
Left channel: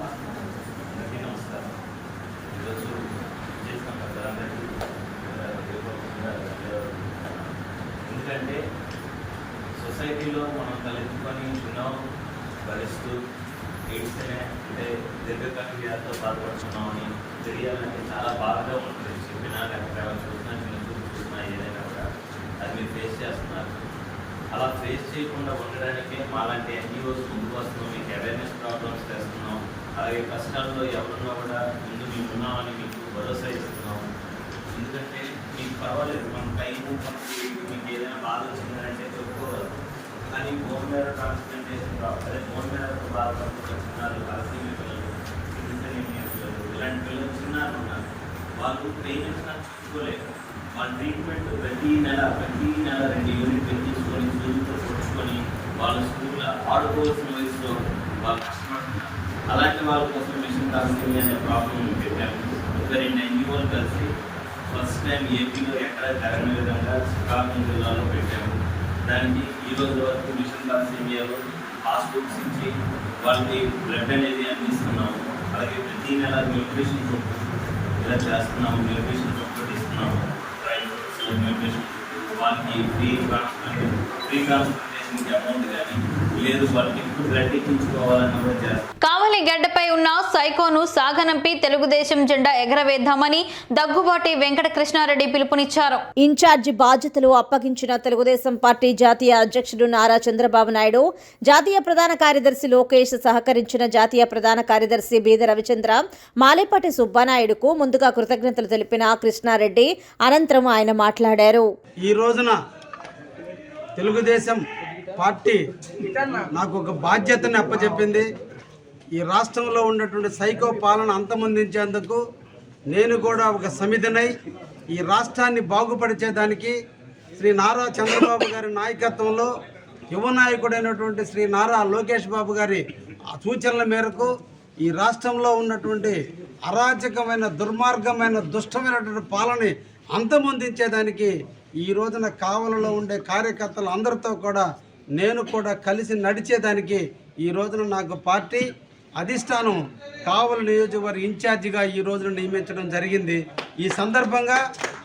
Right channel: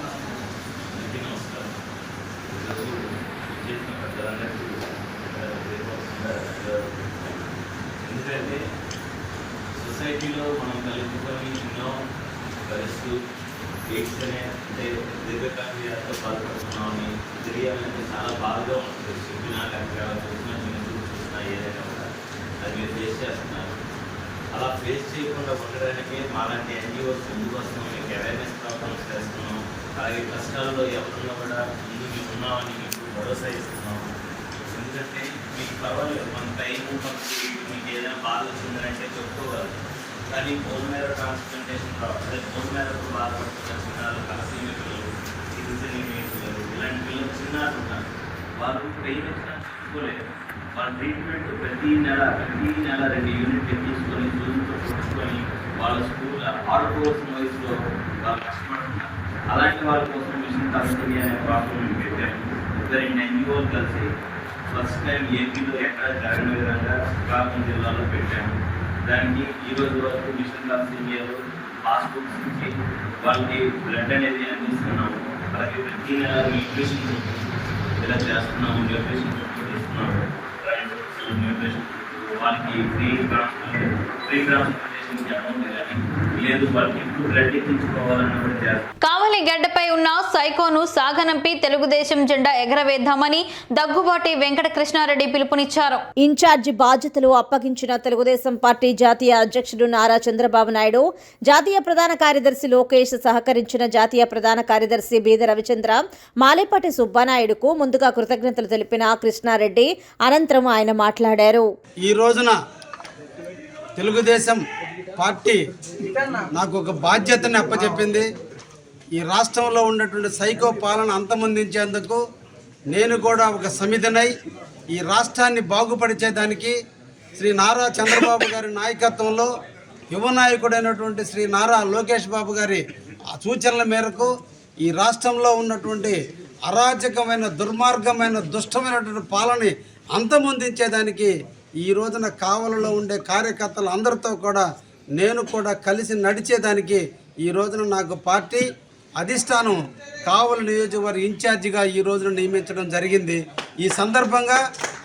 ఎందుకంటే సొసైటీలో మనం తలెత్తుకొని ఉన్నాం భరిస్తూ ఎయిడ్స్ అనే అంటే దీర్ఘకాల వ్యాధితో బాధపడుతున్నామని తెలియాలంటే చాలా బాధగా ఉంటుంది. చెప్పినా లేకపోతే చూసినా ఏదైనా కూడా అది మీరు ఫేస్ చేస్తున్నారు. అలా ఫేస్ చేయకుండా ఉండడానికే మాలాంటి ఎన్జిఓస్ ముందుకు వస్తున్నాం, మీకు అవేర్నెస్ ప్రోగ్రామ్స్ చేస్తున్నాం. అలాగే కష్టాల్లో ఎవరున్నా కూడా ముందు మీకు ఉన్నామని మీకు భరోసా ఇస్తున్నాం. ఎందుకంటే మీకు కావాలి మన టైం పట్టి మీకు ఏదైనా బాధ వచ్చిందంటే చెప్పుకోవాలి. కానీ బోన్ మ్యారో ట్రాన్స్ప్లాంటేషన్ అదే బోన్ మ్యారోతో బాధపడుతున్న చిన్నారు, కాసీమి పిల్లలు, సింగిల్ పిల్లలు, ఇలాంటి పిల్లలు చిన్నారు ఉన్నారు. వాళ్ళు పెయిన్ వచ్చినా చూసుకోలేదు. వాళ్ళ ట్రీట్మెంట్ ప్రతి నెల 2 యూనిట్ తీసుకొని స్కూల్తో చూసుకొని వాళ్ళ స్కూల్ ఆడుకోవాల్సిన వయసులో వాళ్ళు కష్టపడుతున్నారు. అలాంటి వాళ్ళ కోసం మిషన్ కాస్టరీ అనే ప్రాబ్లం పెట్టాము. 2 ఎన్జిఓలు కలిసి ఫస్ట్ టైం ఏపీలో ఎక్కడ జరగని విధంగా శ్రీకాకుళం జిల్లాలో పెట్టాము. దానికి ఈరోజు వరకు మిషన్ కాస్టరీలో పాస్బుక్స్ ఇచ్చి వాళ్ళకి బ్లడ్ అనేది అందిస్తున్నాము. అలాగే ప్రతి నెల న్యూట్రిషన్ ఇలా చేస్తున్నాము, న్యూట్రిషన్ ఇస్తున్నాము. న్యూట్రిషన్ వాళ్ళకి ఫ్రీ ట్రాన్స్పోర్టేషన్కి అమౌంట్ కానీ లేదు, వాళ్ళకి బ్లడ్ ఎక్కించుకోవాలని కూడా చేస్తాం. కావలి గడ్డపై ఉన్న సైకోను సాగనంపి తెలుగుదేశం జెండా ఎగరవేద్దామని దగ్గుబాటి వెంకట కృష్ణారెడ్డి పిలుపునిచ్చారు. ఇన్ఛార్జి బాధ్యతలు అప్పగించిన తెలుగుదేశం పార్టీ జాతీయ అధ్యక్షుడు నారా చంద్రబాబు నాయుడు, జాతీయ ప్రధాన కార్యదర్శి లోకేష్ సహకరించిన జాతీయ ప్రధాన కార్యదర్శి బీద రవిచంద్ర, మాలేపాటి సుబ్బానాయుడుకు ముందుగా కృతజ్ఞతలు తెలిపిన కృష్ణారెడ్డి అనంతరం ఆయన మాట్లాడారు. ఈ రోజున తెలుగుదేశం పార్టీ నాకు ఒక బాధ్యతని అప్పచెప్పింది. ఈ రాష్ట్రంలో ఉన్నటువంటి సైకో పాలన అంతమొందించేందుకు నేను కూడా ఒక సమితినై ఈ రాష్ట్రాన్ని బాగుపరిచేదానికి శ్రీ నారా చంద్రబాబు గారి నాయకత్వంలో యువ నాయకుడైనటువంటి శ్రీ నారా లోకేష్ బాబు గారి సూచనల మేరకు ఈ రాష్ట్రంలో ఉన్నటువంటి అరాచకమైన దుర్మార్గమైన దుష్టమైనటువంటి పాలన అంతమొందించేదానికి ఈ రోజున కావలలో ఉండే కార్యకర్తలు అందరితో కూడా నేను కూడా కలిసి నడిచేదానికి ఈ రోజున నాకు పార్టీ అధిష్టానం కావలి నియోజకవర్గ ఇన్ఛార్జిగా ఈ రోజున నియమించడం జరిగింది. ఈ సందర్భంగా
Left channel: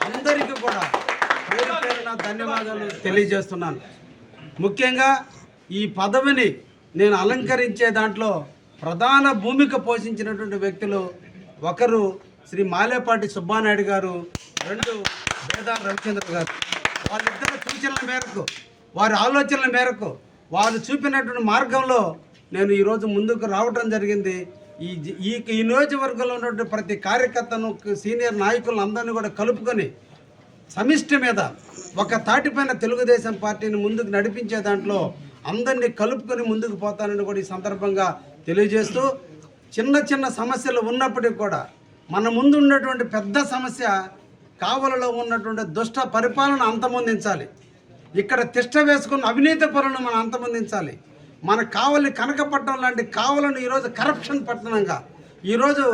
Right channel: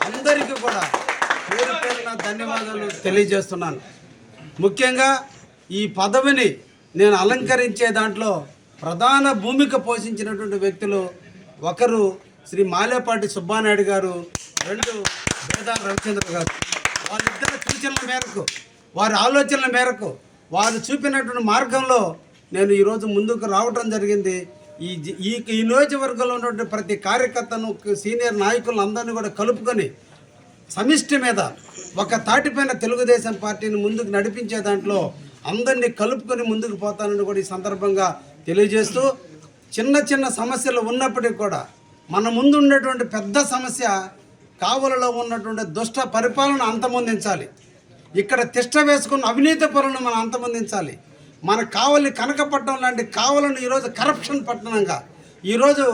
అందరికీ కూడా పేరు పేరున ధన్యవాదాలు తెలియజేస్తున్నాను. ముఖ్యంగా ఈ పదవిని నేను అలంకరించే దాంట్లో ప్రధాన భూమిక పోషించినటువంటి వ్యక్తులు ఒకరు శ్రీ మాలేపాటి సుబ్బానాయుడు గారు, 2 బేదా రవిచంద్ర గారు. వాళ్ళిద్దరి సూచనల మేరకు, వారి ఆలోచనల మేరకు, వారు చూపినటువంటి మార్గంలో నేను ఈరోజు ముందుకు రావటం జరిగింది. ఈ నియోజకవర్గంలో ఉన్నటువంటి ప్రతి కార్యకర్తను, సీనియర్ నాయకులను అందరినీ కూడా కలుపుకొని సమిష్టి మీద ఒక తాటిపైన తెలుగుదేశం పార్టీని ముందుకు నడిపించే దాంట్లో అందరినీ కలుపుకొని ముందుకు పోతానని కూడా ఈ సందర్భంగా తెలియజేస్తూ, చిన్న చిన్న సమస్యలు ఉన్నప్పటికీ కూడా మన ముందు ఉన్నటువంటి పెద్ద సమస్య కావలలో ఉన్నటువంటి దుష్ట పరిపాలన అంతమొందించాలి. ఇక్కడ తిష్ట వేసుకున్న అవినీతి పరులను మనం అంతమొందించాలి. మన కావలి కనకపట్నం లాంటి కావలను ఈరోజు కరప్షన్ పట్టణంగా, ఈరోజు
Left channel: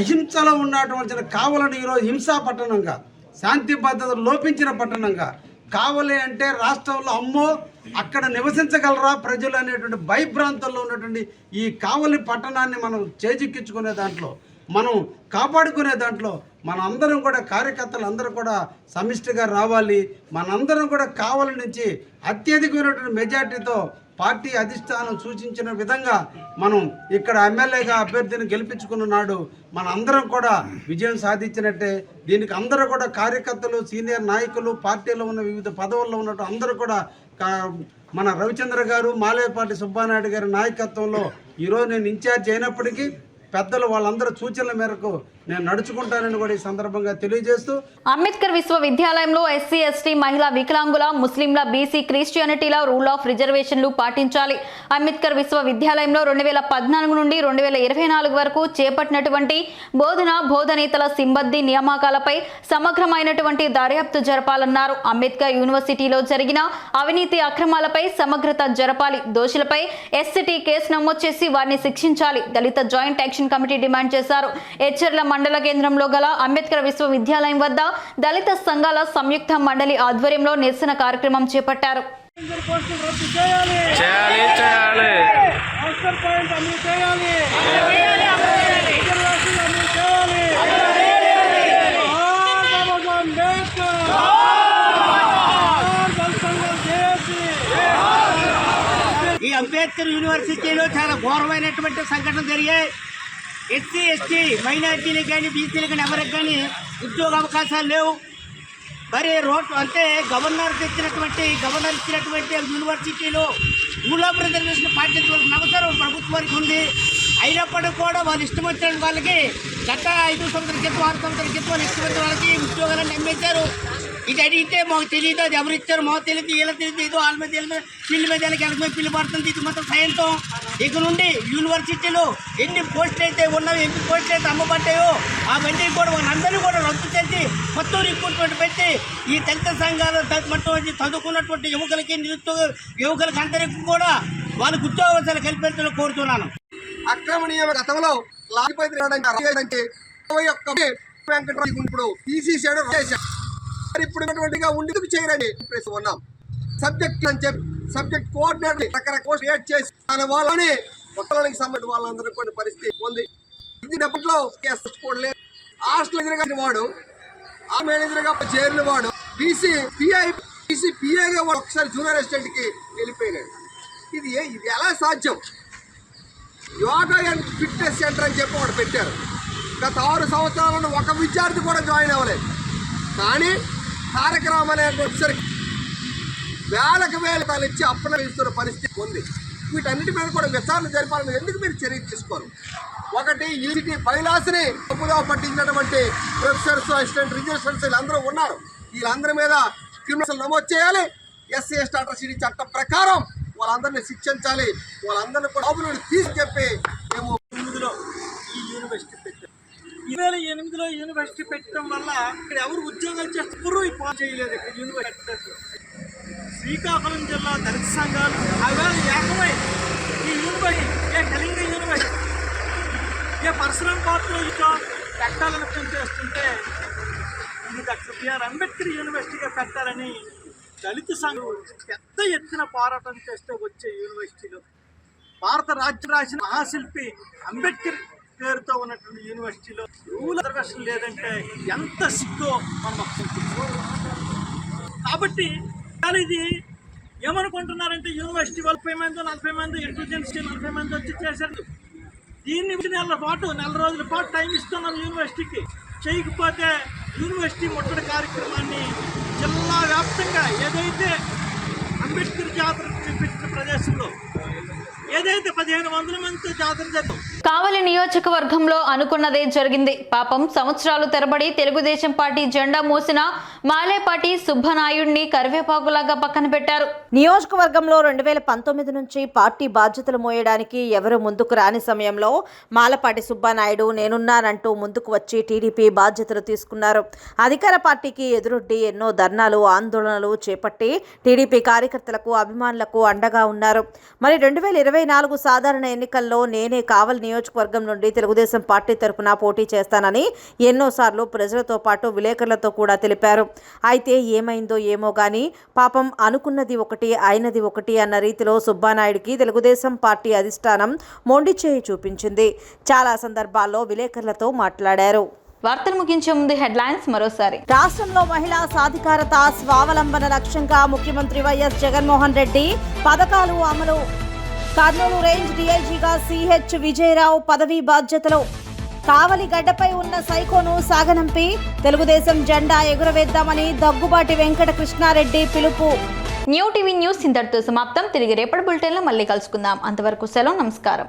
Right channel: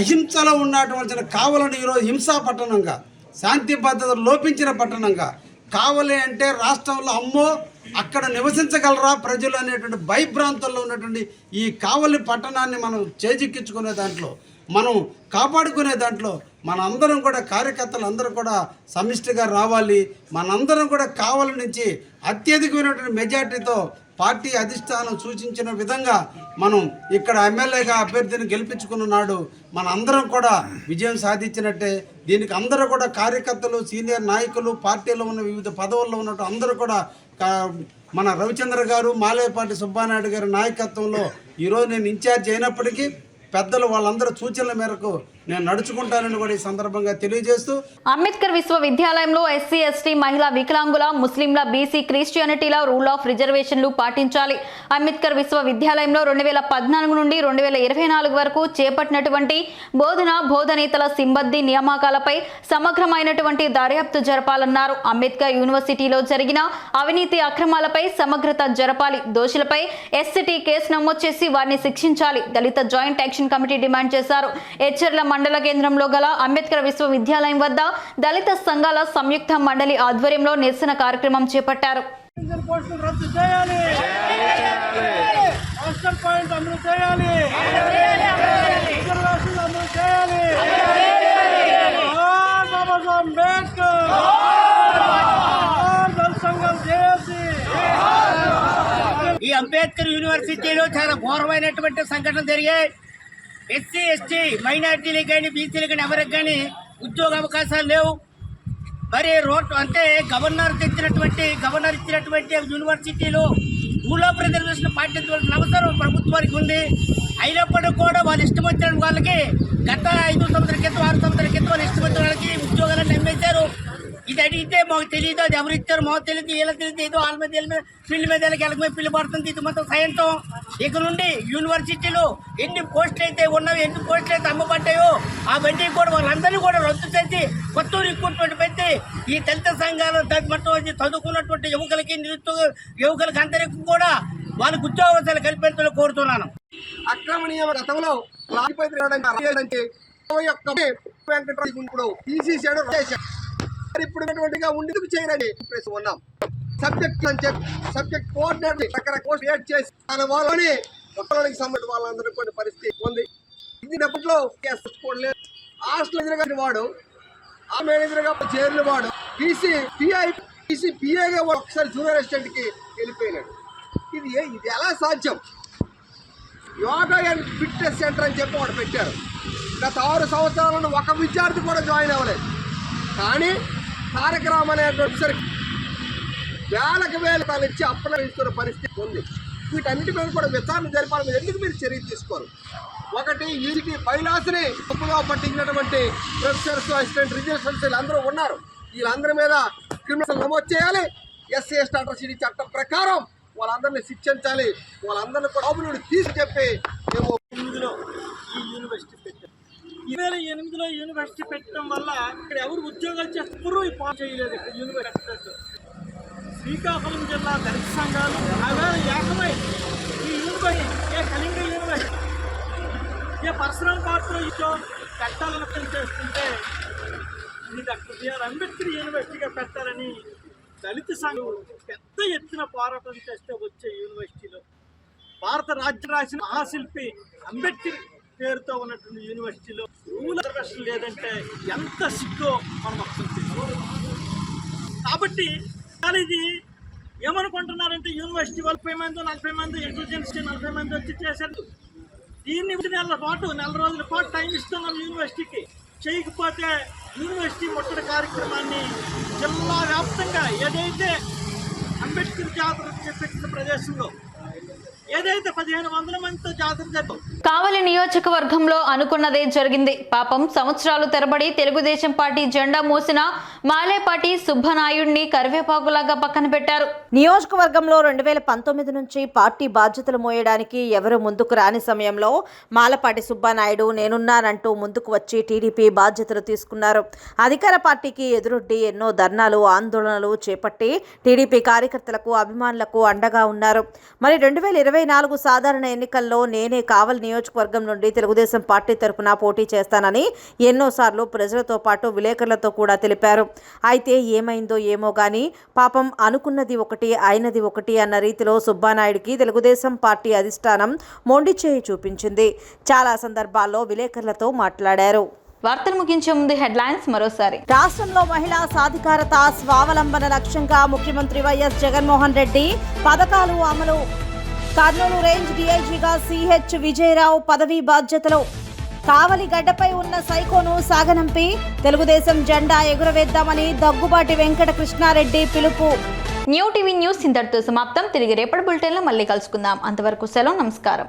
అహింసలో ఉన్నటువంటి కావలను ఈరోజు హింసా పట్టణంగా, శాంతి భద్రతలు లోపించిన పట్టణంగా, కావలి అంటే రాష్ట్రంలో అమ్మో అక్కడ నివసించగలరా ప్రజలు అనేటువంటి భయభ్రాంతుల్లో ఉన్నటువంటి ఈ కావలి పట్టణాన్ని మనం చేజిక్కించుకునే దాంట్లో, మనం కాపాడుకునే దాంట్లో మనందరం కూడా కార్యకర్తలు అందరూ కూడా సమిష్టిగా రావాలి. మనందరం కూడా కావలి నుంచి అత్యధికమైనటువంటి మెజార్టీతో పార్టీ అధిష్టానం సూచించిన విధంగా మనం ఇక్కడ ఎమ్మెల్యేగా అభ్యర్థిని గెలిపించుకున్న నాడు మన అందరం కూడా విజయం సాధించినట్టే. దీనికి అందరూ కూడా కార్యకర్తలు, సీనియర్ నాయకులు, పార్టీలో ఉన్న వివిధ పదవుల్లో ఉన్నట్టు అందరూ కూడా మన రవిచంద్ర గారు, మాలేపాటి సుబ్బానాయుడు గారి నాయకత్వంలో ఈరోజు నేను ఇన్ఛార్జ్ అయినప్పటికీ పెద్దలు వాళ్ళందరూ సూచనల మేరకు నేను నడుచుకుంటానని కూడా ఈ సందర్భంగా తెలియజేస్తూ, అంబేద్కర్ విశ్వవిద్యాలయంలో ఎస్సీ, ఎస్టీ, మహిళా, వికలాంగుల, ముస్లింల, బీసీ, క్రిస్టియానిటీల రూల్ ఆఫ్ రిజర్వేషన్లు పాటించాలి. అంబేద్కర్ విశ్వవిద్యాలయంలో 2014 నుండి 2024 వరకు చేపట్టినటువంటి బోధనేతల సిబ్బంది నియామకాలపై సమగ్రమైనటువంటి దర్యాప్తు జరపాలన్నారు. అంబేద్కర్ యూనివర్సిటీలో జరిగిన అవినీతి అక్రమాలపై సమగ్రత జరపాలి. దోషులపై ఎస్సిటీ కేసు నమోదు చేసి వారిని శిక్షించాలి. దళిత జాయింట్ యాక్షన్ కమిటీ డిమాండ్ చేశారు. హెచ్చర్ల మండల కేంద్రంలో గల అంబేద్కర్ విశ్వవిద్యాలయం వద్ద దళిత సంఘాల సంయుక్త మండలి ఆధ్వర్యంలో నిరసన కార్యక్రమం చేపట్టారు. ఈ అంబేద్కర్ యూనివర్సిటీలో చాలా ఘోరమైనటువంటి సంఘటనలు జరిగాయి. ఎస్సీ ఎస్టీ మైనార్టీలకు కానీ బీసీలకు కానీ ఎవరికి కానీ ఉద్యోగ అవకాశాలు లేవు. మరి గవర్నర్ ఇచ్చినటువంటి యూనివర్సిటీలో మూలాపు రిజర్వేషన్ పాటించవలసిన అవసరం ప్రభుత్వానికి ఉంది. అయినప్పటికీ కూడా వాళ్ళు ఇష్టం వచ్చిన వాళ్ళకి గత 5 సంవత్సరాల క్రితం 6 సంవత్సరాల క్రితం వాళ్ళు ఇష్టం వచ్చిన వాళ్ళకి ఉద్యోగాలను అమ్మేశారు. ఇది అడిగితే మాకు తెలియదు, అది ఎవరు ఇచ్చారు మాకు తెలియదు, వీళ్ళకి తెలియదు, ఏదో వాళ్ళ మీద పిల్లి మీద వెళ్ళకి పిల్లి పడుతుంది. ఇది మొత్తం సాయంతో ఇక నుండి యూనివర్సిటీలో ఎన్ని పోస్టులు అయితే ఉన్నాయో, ఎన్ని పోస్టులు అయితే అమ్మబడ్డాయో అవన్నీ కూడా వాళ్ళందరినీ కూడా రద్దు చేసి కొత్త రిక్రూట్మెంట్ పెట్టి ఈ దళిత సంఘాలు మొత్తం చదువుకున్నటువంటి యువకులకి అందరికీ కూడా వాళ్ళకు ఉద్యోగాలు కల్పించాలని కోరుతున్నాను. అక్రమ నియమ గతంలో ఇప్పుడు తీసేసాడు. ఇప్పుడు ఉండేందుకు చేయరని ఉన్నాం. సబ్జెక్ట్ అని చెప్పి సబ్జెక్ట్ కోఆర్డినేటర్ రకరకాల క్రియేట్ చేసి దాని వాళ్ళని ఒక్కరికి సంబంధించిన వాళ్ళందరూ కొన్ని పరిస్థితి ఉంది. ఇది అప్పట్లో హాస్టల్ ఎదురుగా వాడు ఆ మేనేజర్గా చేరిన వాడు బీసీపీఐగా ఒకసారి జూనియర్ అసిస్టెంట్ కి వెళ్ళిపోయినాడు. ఇది ఎలా సాధ్యం? యోగా అండ్ ఫిట్నెస్ సెంటర్ అని చెప్పి వాడు పెట్టారు. గత 6 సంవత్సరాలను ఒక విద్యార్థి కూడా జాయిన్ అవ్వలేదు. కానీ కార్యక్రమం అనేసరికి వేలకు తను ఇచ్చి అప్పన ఇస్తున్న పరిస్థితి ఉంది. వీటన్నిటి మీద కూడా విచారణ జరిపాలని ఎందుకు మీరు చర్య తీసుకోరు? ఒకటి యూనిటీ బైలాస్ని తప్పుగా పట్టించినటువంటి ప్రొఫెసర్స్, అసిస్టెంట్ రిజిస్ట్రేషన్స్ వీళ్ళందరూ ఉన్నారు. వీళ్ళందరి మీద క్రిమినల్ నమోదు చేయాలి. ఎస్సీ ఎస్టీ అట్రాసిటీ చట్టం ప్రకారం వాళ్ళందరినీ శిక్షించాలి. వాళ్ళందరినీ కూడా బాబులు తీసి చెప్పి మేము 2008లో ఈ యూనివర్సిటీ పెట్టాం. 2008లో యూనివర్సిటీ పెట్టడం వల్ల ఇక్కడ ఎవరు ఉద్యోగాలు చేస్తారు పాస్ చేయలేదు. ఇక్కడ యూనివర్సిటీ శ్రీకాకుళం జిల్లా దళిత సంఘాలు ఏకమై ఈ యూనివర్సిటీ కళింగ యూనివర్సిటీ పరశురాం పాత్ర పెట్టాలని చేస్తుంటే ఇది డాక్టర్ బిఆర్ అంబేద్కర్ యూనివర్సిటీగా పెట్టాలని దళిత సంఘం పెద్ద ఎత్తున పోరాటం చేస్తే వచ్చే యూనివర్సిటీలో భారత రాజ్యం రాసిన మహాశిల్పి అంబేద్కర్ పేరుతో ఉన్నటువంటి యూనివర్సిటీలో రూల్ రిజర్వేషన్ లేదంటే ఎంత సిగ్గో మనం అర్థం చేసుకోవాలి. కాబట్టి ఇది ఏమనుకుంటున్నారంటే యూనివర్సిటీ 40 మంది 40 మంది ఇంటెలిజెన్స్ 40 మంది వచ్చి చేశారు. దీన్ని నెల రోజుల పాటు టైం ఇస్తున్నాం యూనివర్సిటీకి. చేయకపోతే యూనివర్సిటీ ముట్టడి కార్యక్రమాన్ని జిల్లా వ్యాప్తంగా ఏదైతే అంబేద్కర్ జాతర పెట్టిన ప్రదేశంలో ఏదైతే 1500 మందితో జాతర జరుగుతుంది. కావలి నియోజకవర్గంలో అనుకున్నదే జరిగింది. పాపం సంవత్సరాలు తరబడి తెలుగుదేశం పార్టీ జెండా మోసిన మాలేపాటి సుబ్బనాయుడిని కరివేపాకులాగా పక్కన పెట్టారు. నియోజకవర్గంలో 2019 నుంచి పార్టీ బాధ్యతలు మోయడానికి ఎవరు ముందుకు రాని సమయంలో మాలపాటి సుబ్బనాయుడు నేనున్నానంటూ ముందుకు వచ్చి టీడీపీ బాధ్యతలు తీసుకున్నారు. అధికార పార్టీకి ఎదురొడ్డి ఎన్నో ధర్నాలు, ఆందోళనలు చేపట్టి టీడీపీ కార్యకర్తలకు, అభిమానులకు అండగా ఉన్నారు. మరి 2024 సాధారణ ఎన్నికల్లో నేనే కావలి నియోజకవర్గం నుండి తెలుగుదేశం పార్టీ తరఫున పోటీ చేస్తానని ఎన్నోసార్లు ప్రజలతో పాటు విలేకరులతో కూడా తెలిపారు. అయితే ఏమైందో ఏమో గానీ పాపం అనుకున్నది ఒకటి అయినది ఒకటి అన్న రీతిలో సుబ్బానాయుడికి తెలుగుదేశం పార్టీ అధిష్టానం మొండి చేయి చూపించింది. చాలా సందర్భాల్లో విలేకరులతో మాట్లాడారు. వార్తలు ముగించే ముందు హెడ్లైన్స్ మరోసారి. రాష్ట్రంలో మహిళా సాధికారత, స్వావలంబన లక్ష్యంగా ముఖ్యమంత్రి వైఎస్ జగన్మోహన్ రెడ్డి పథకాలు అమలు. కర్నూలు రేంజ్ డీఐజీగా సిహెచ్ విజయరావు పదవీ బాధ్యతలు. కావలి గడ్డపై ఉన్న సైకోను సాగనంపి తెలుగుదేశం జెండా ఎగురవేద్దామని దగ్గుబాటి వెంకట కృష్ణారెడ్డి పిలుపు. న్యూ టీవీ న్యూస్ ఇంతటితో సమాప్తం. తిరిగి రేపటి బులెటిన్లో మళ్ళీ కలుసుకుందాం. అంతవరకు సెలవు, నమస్కారం.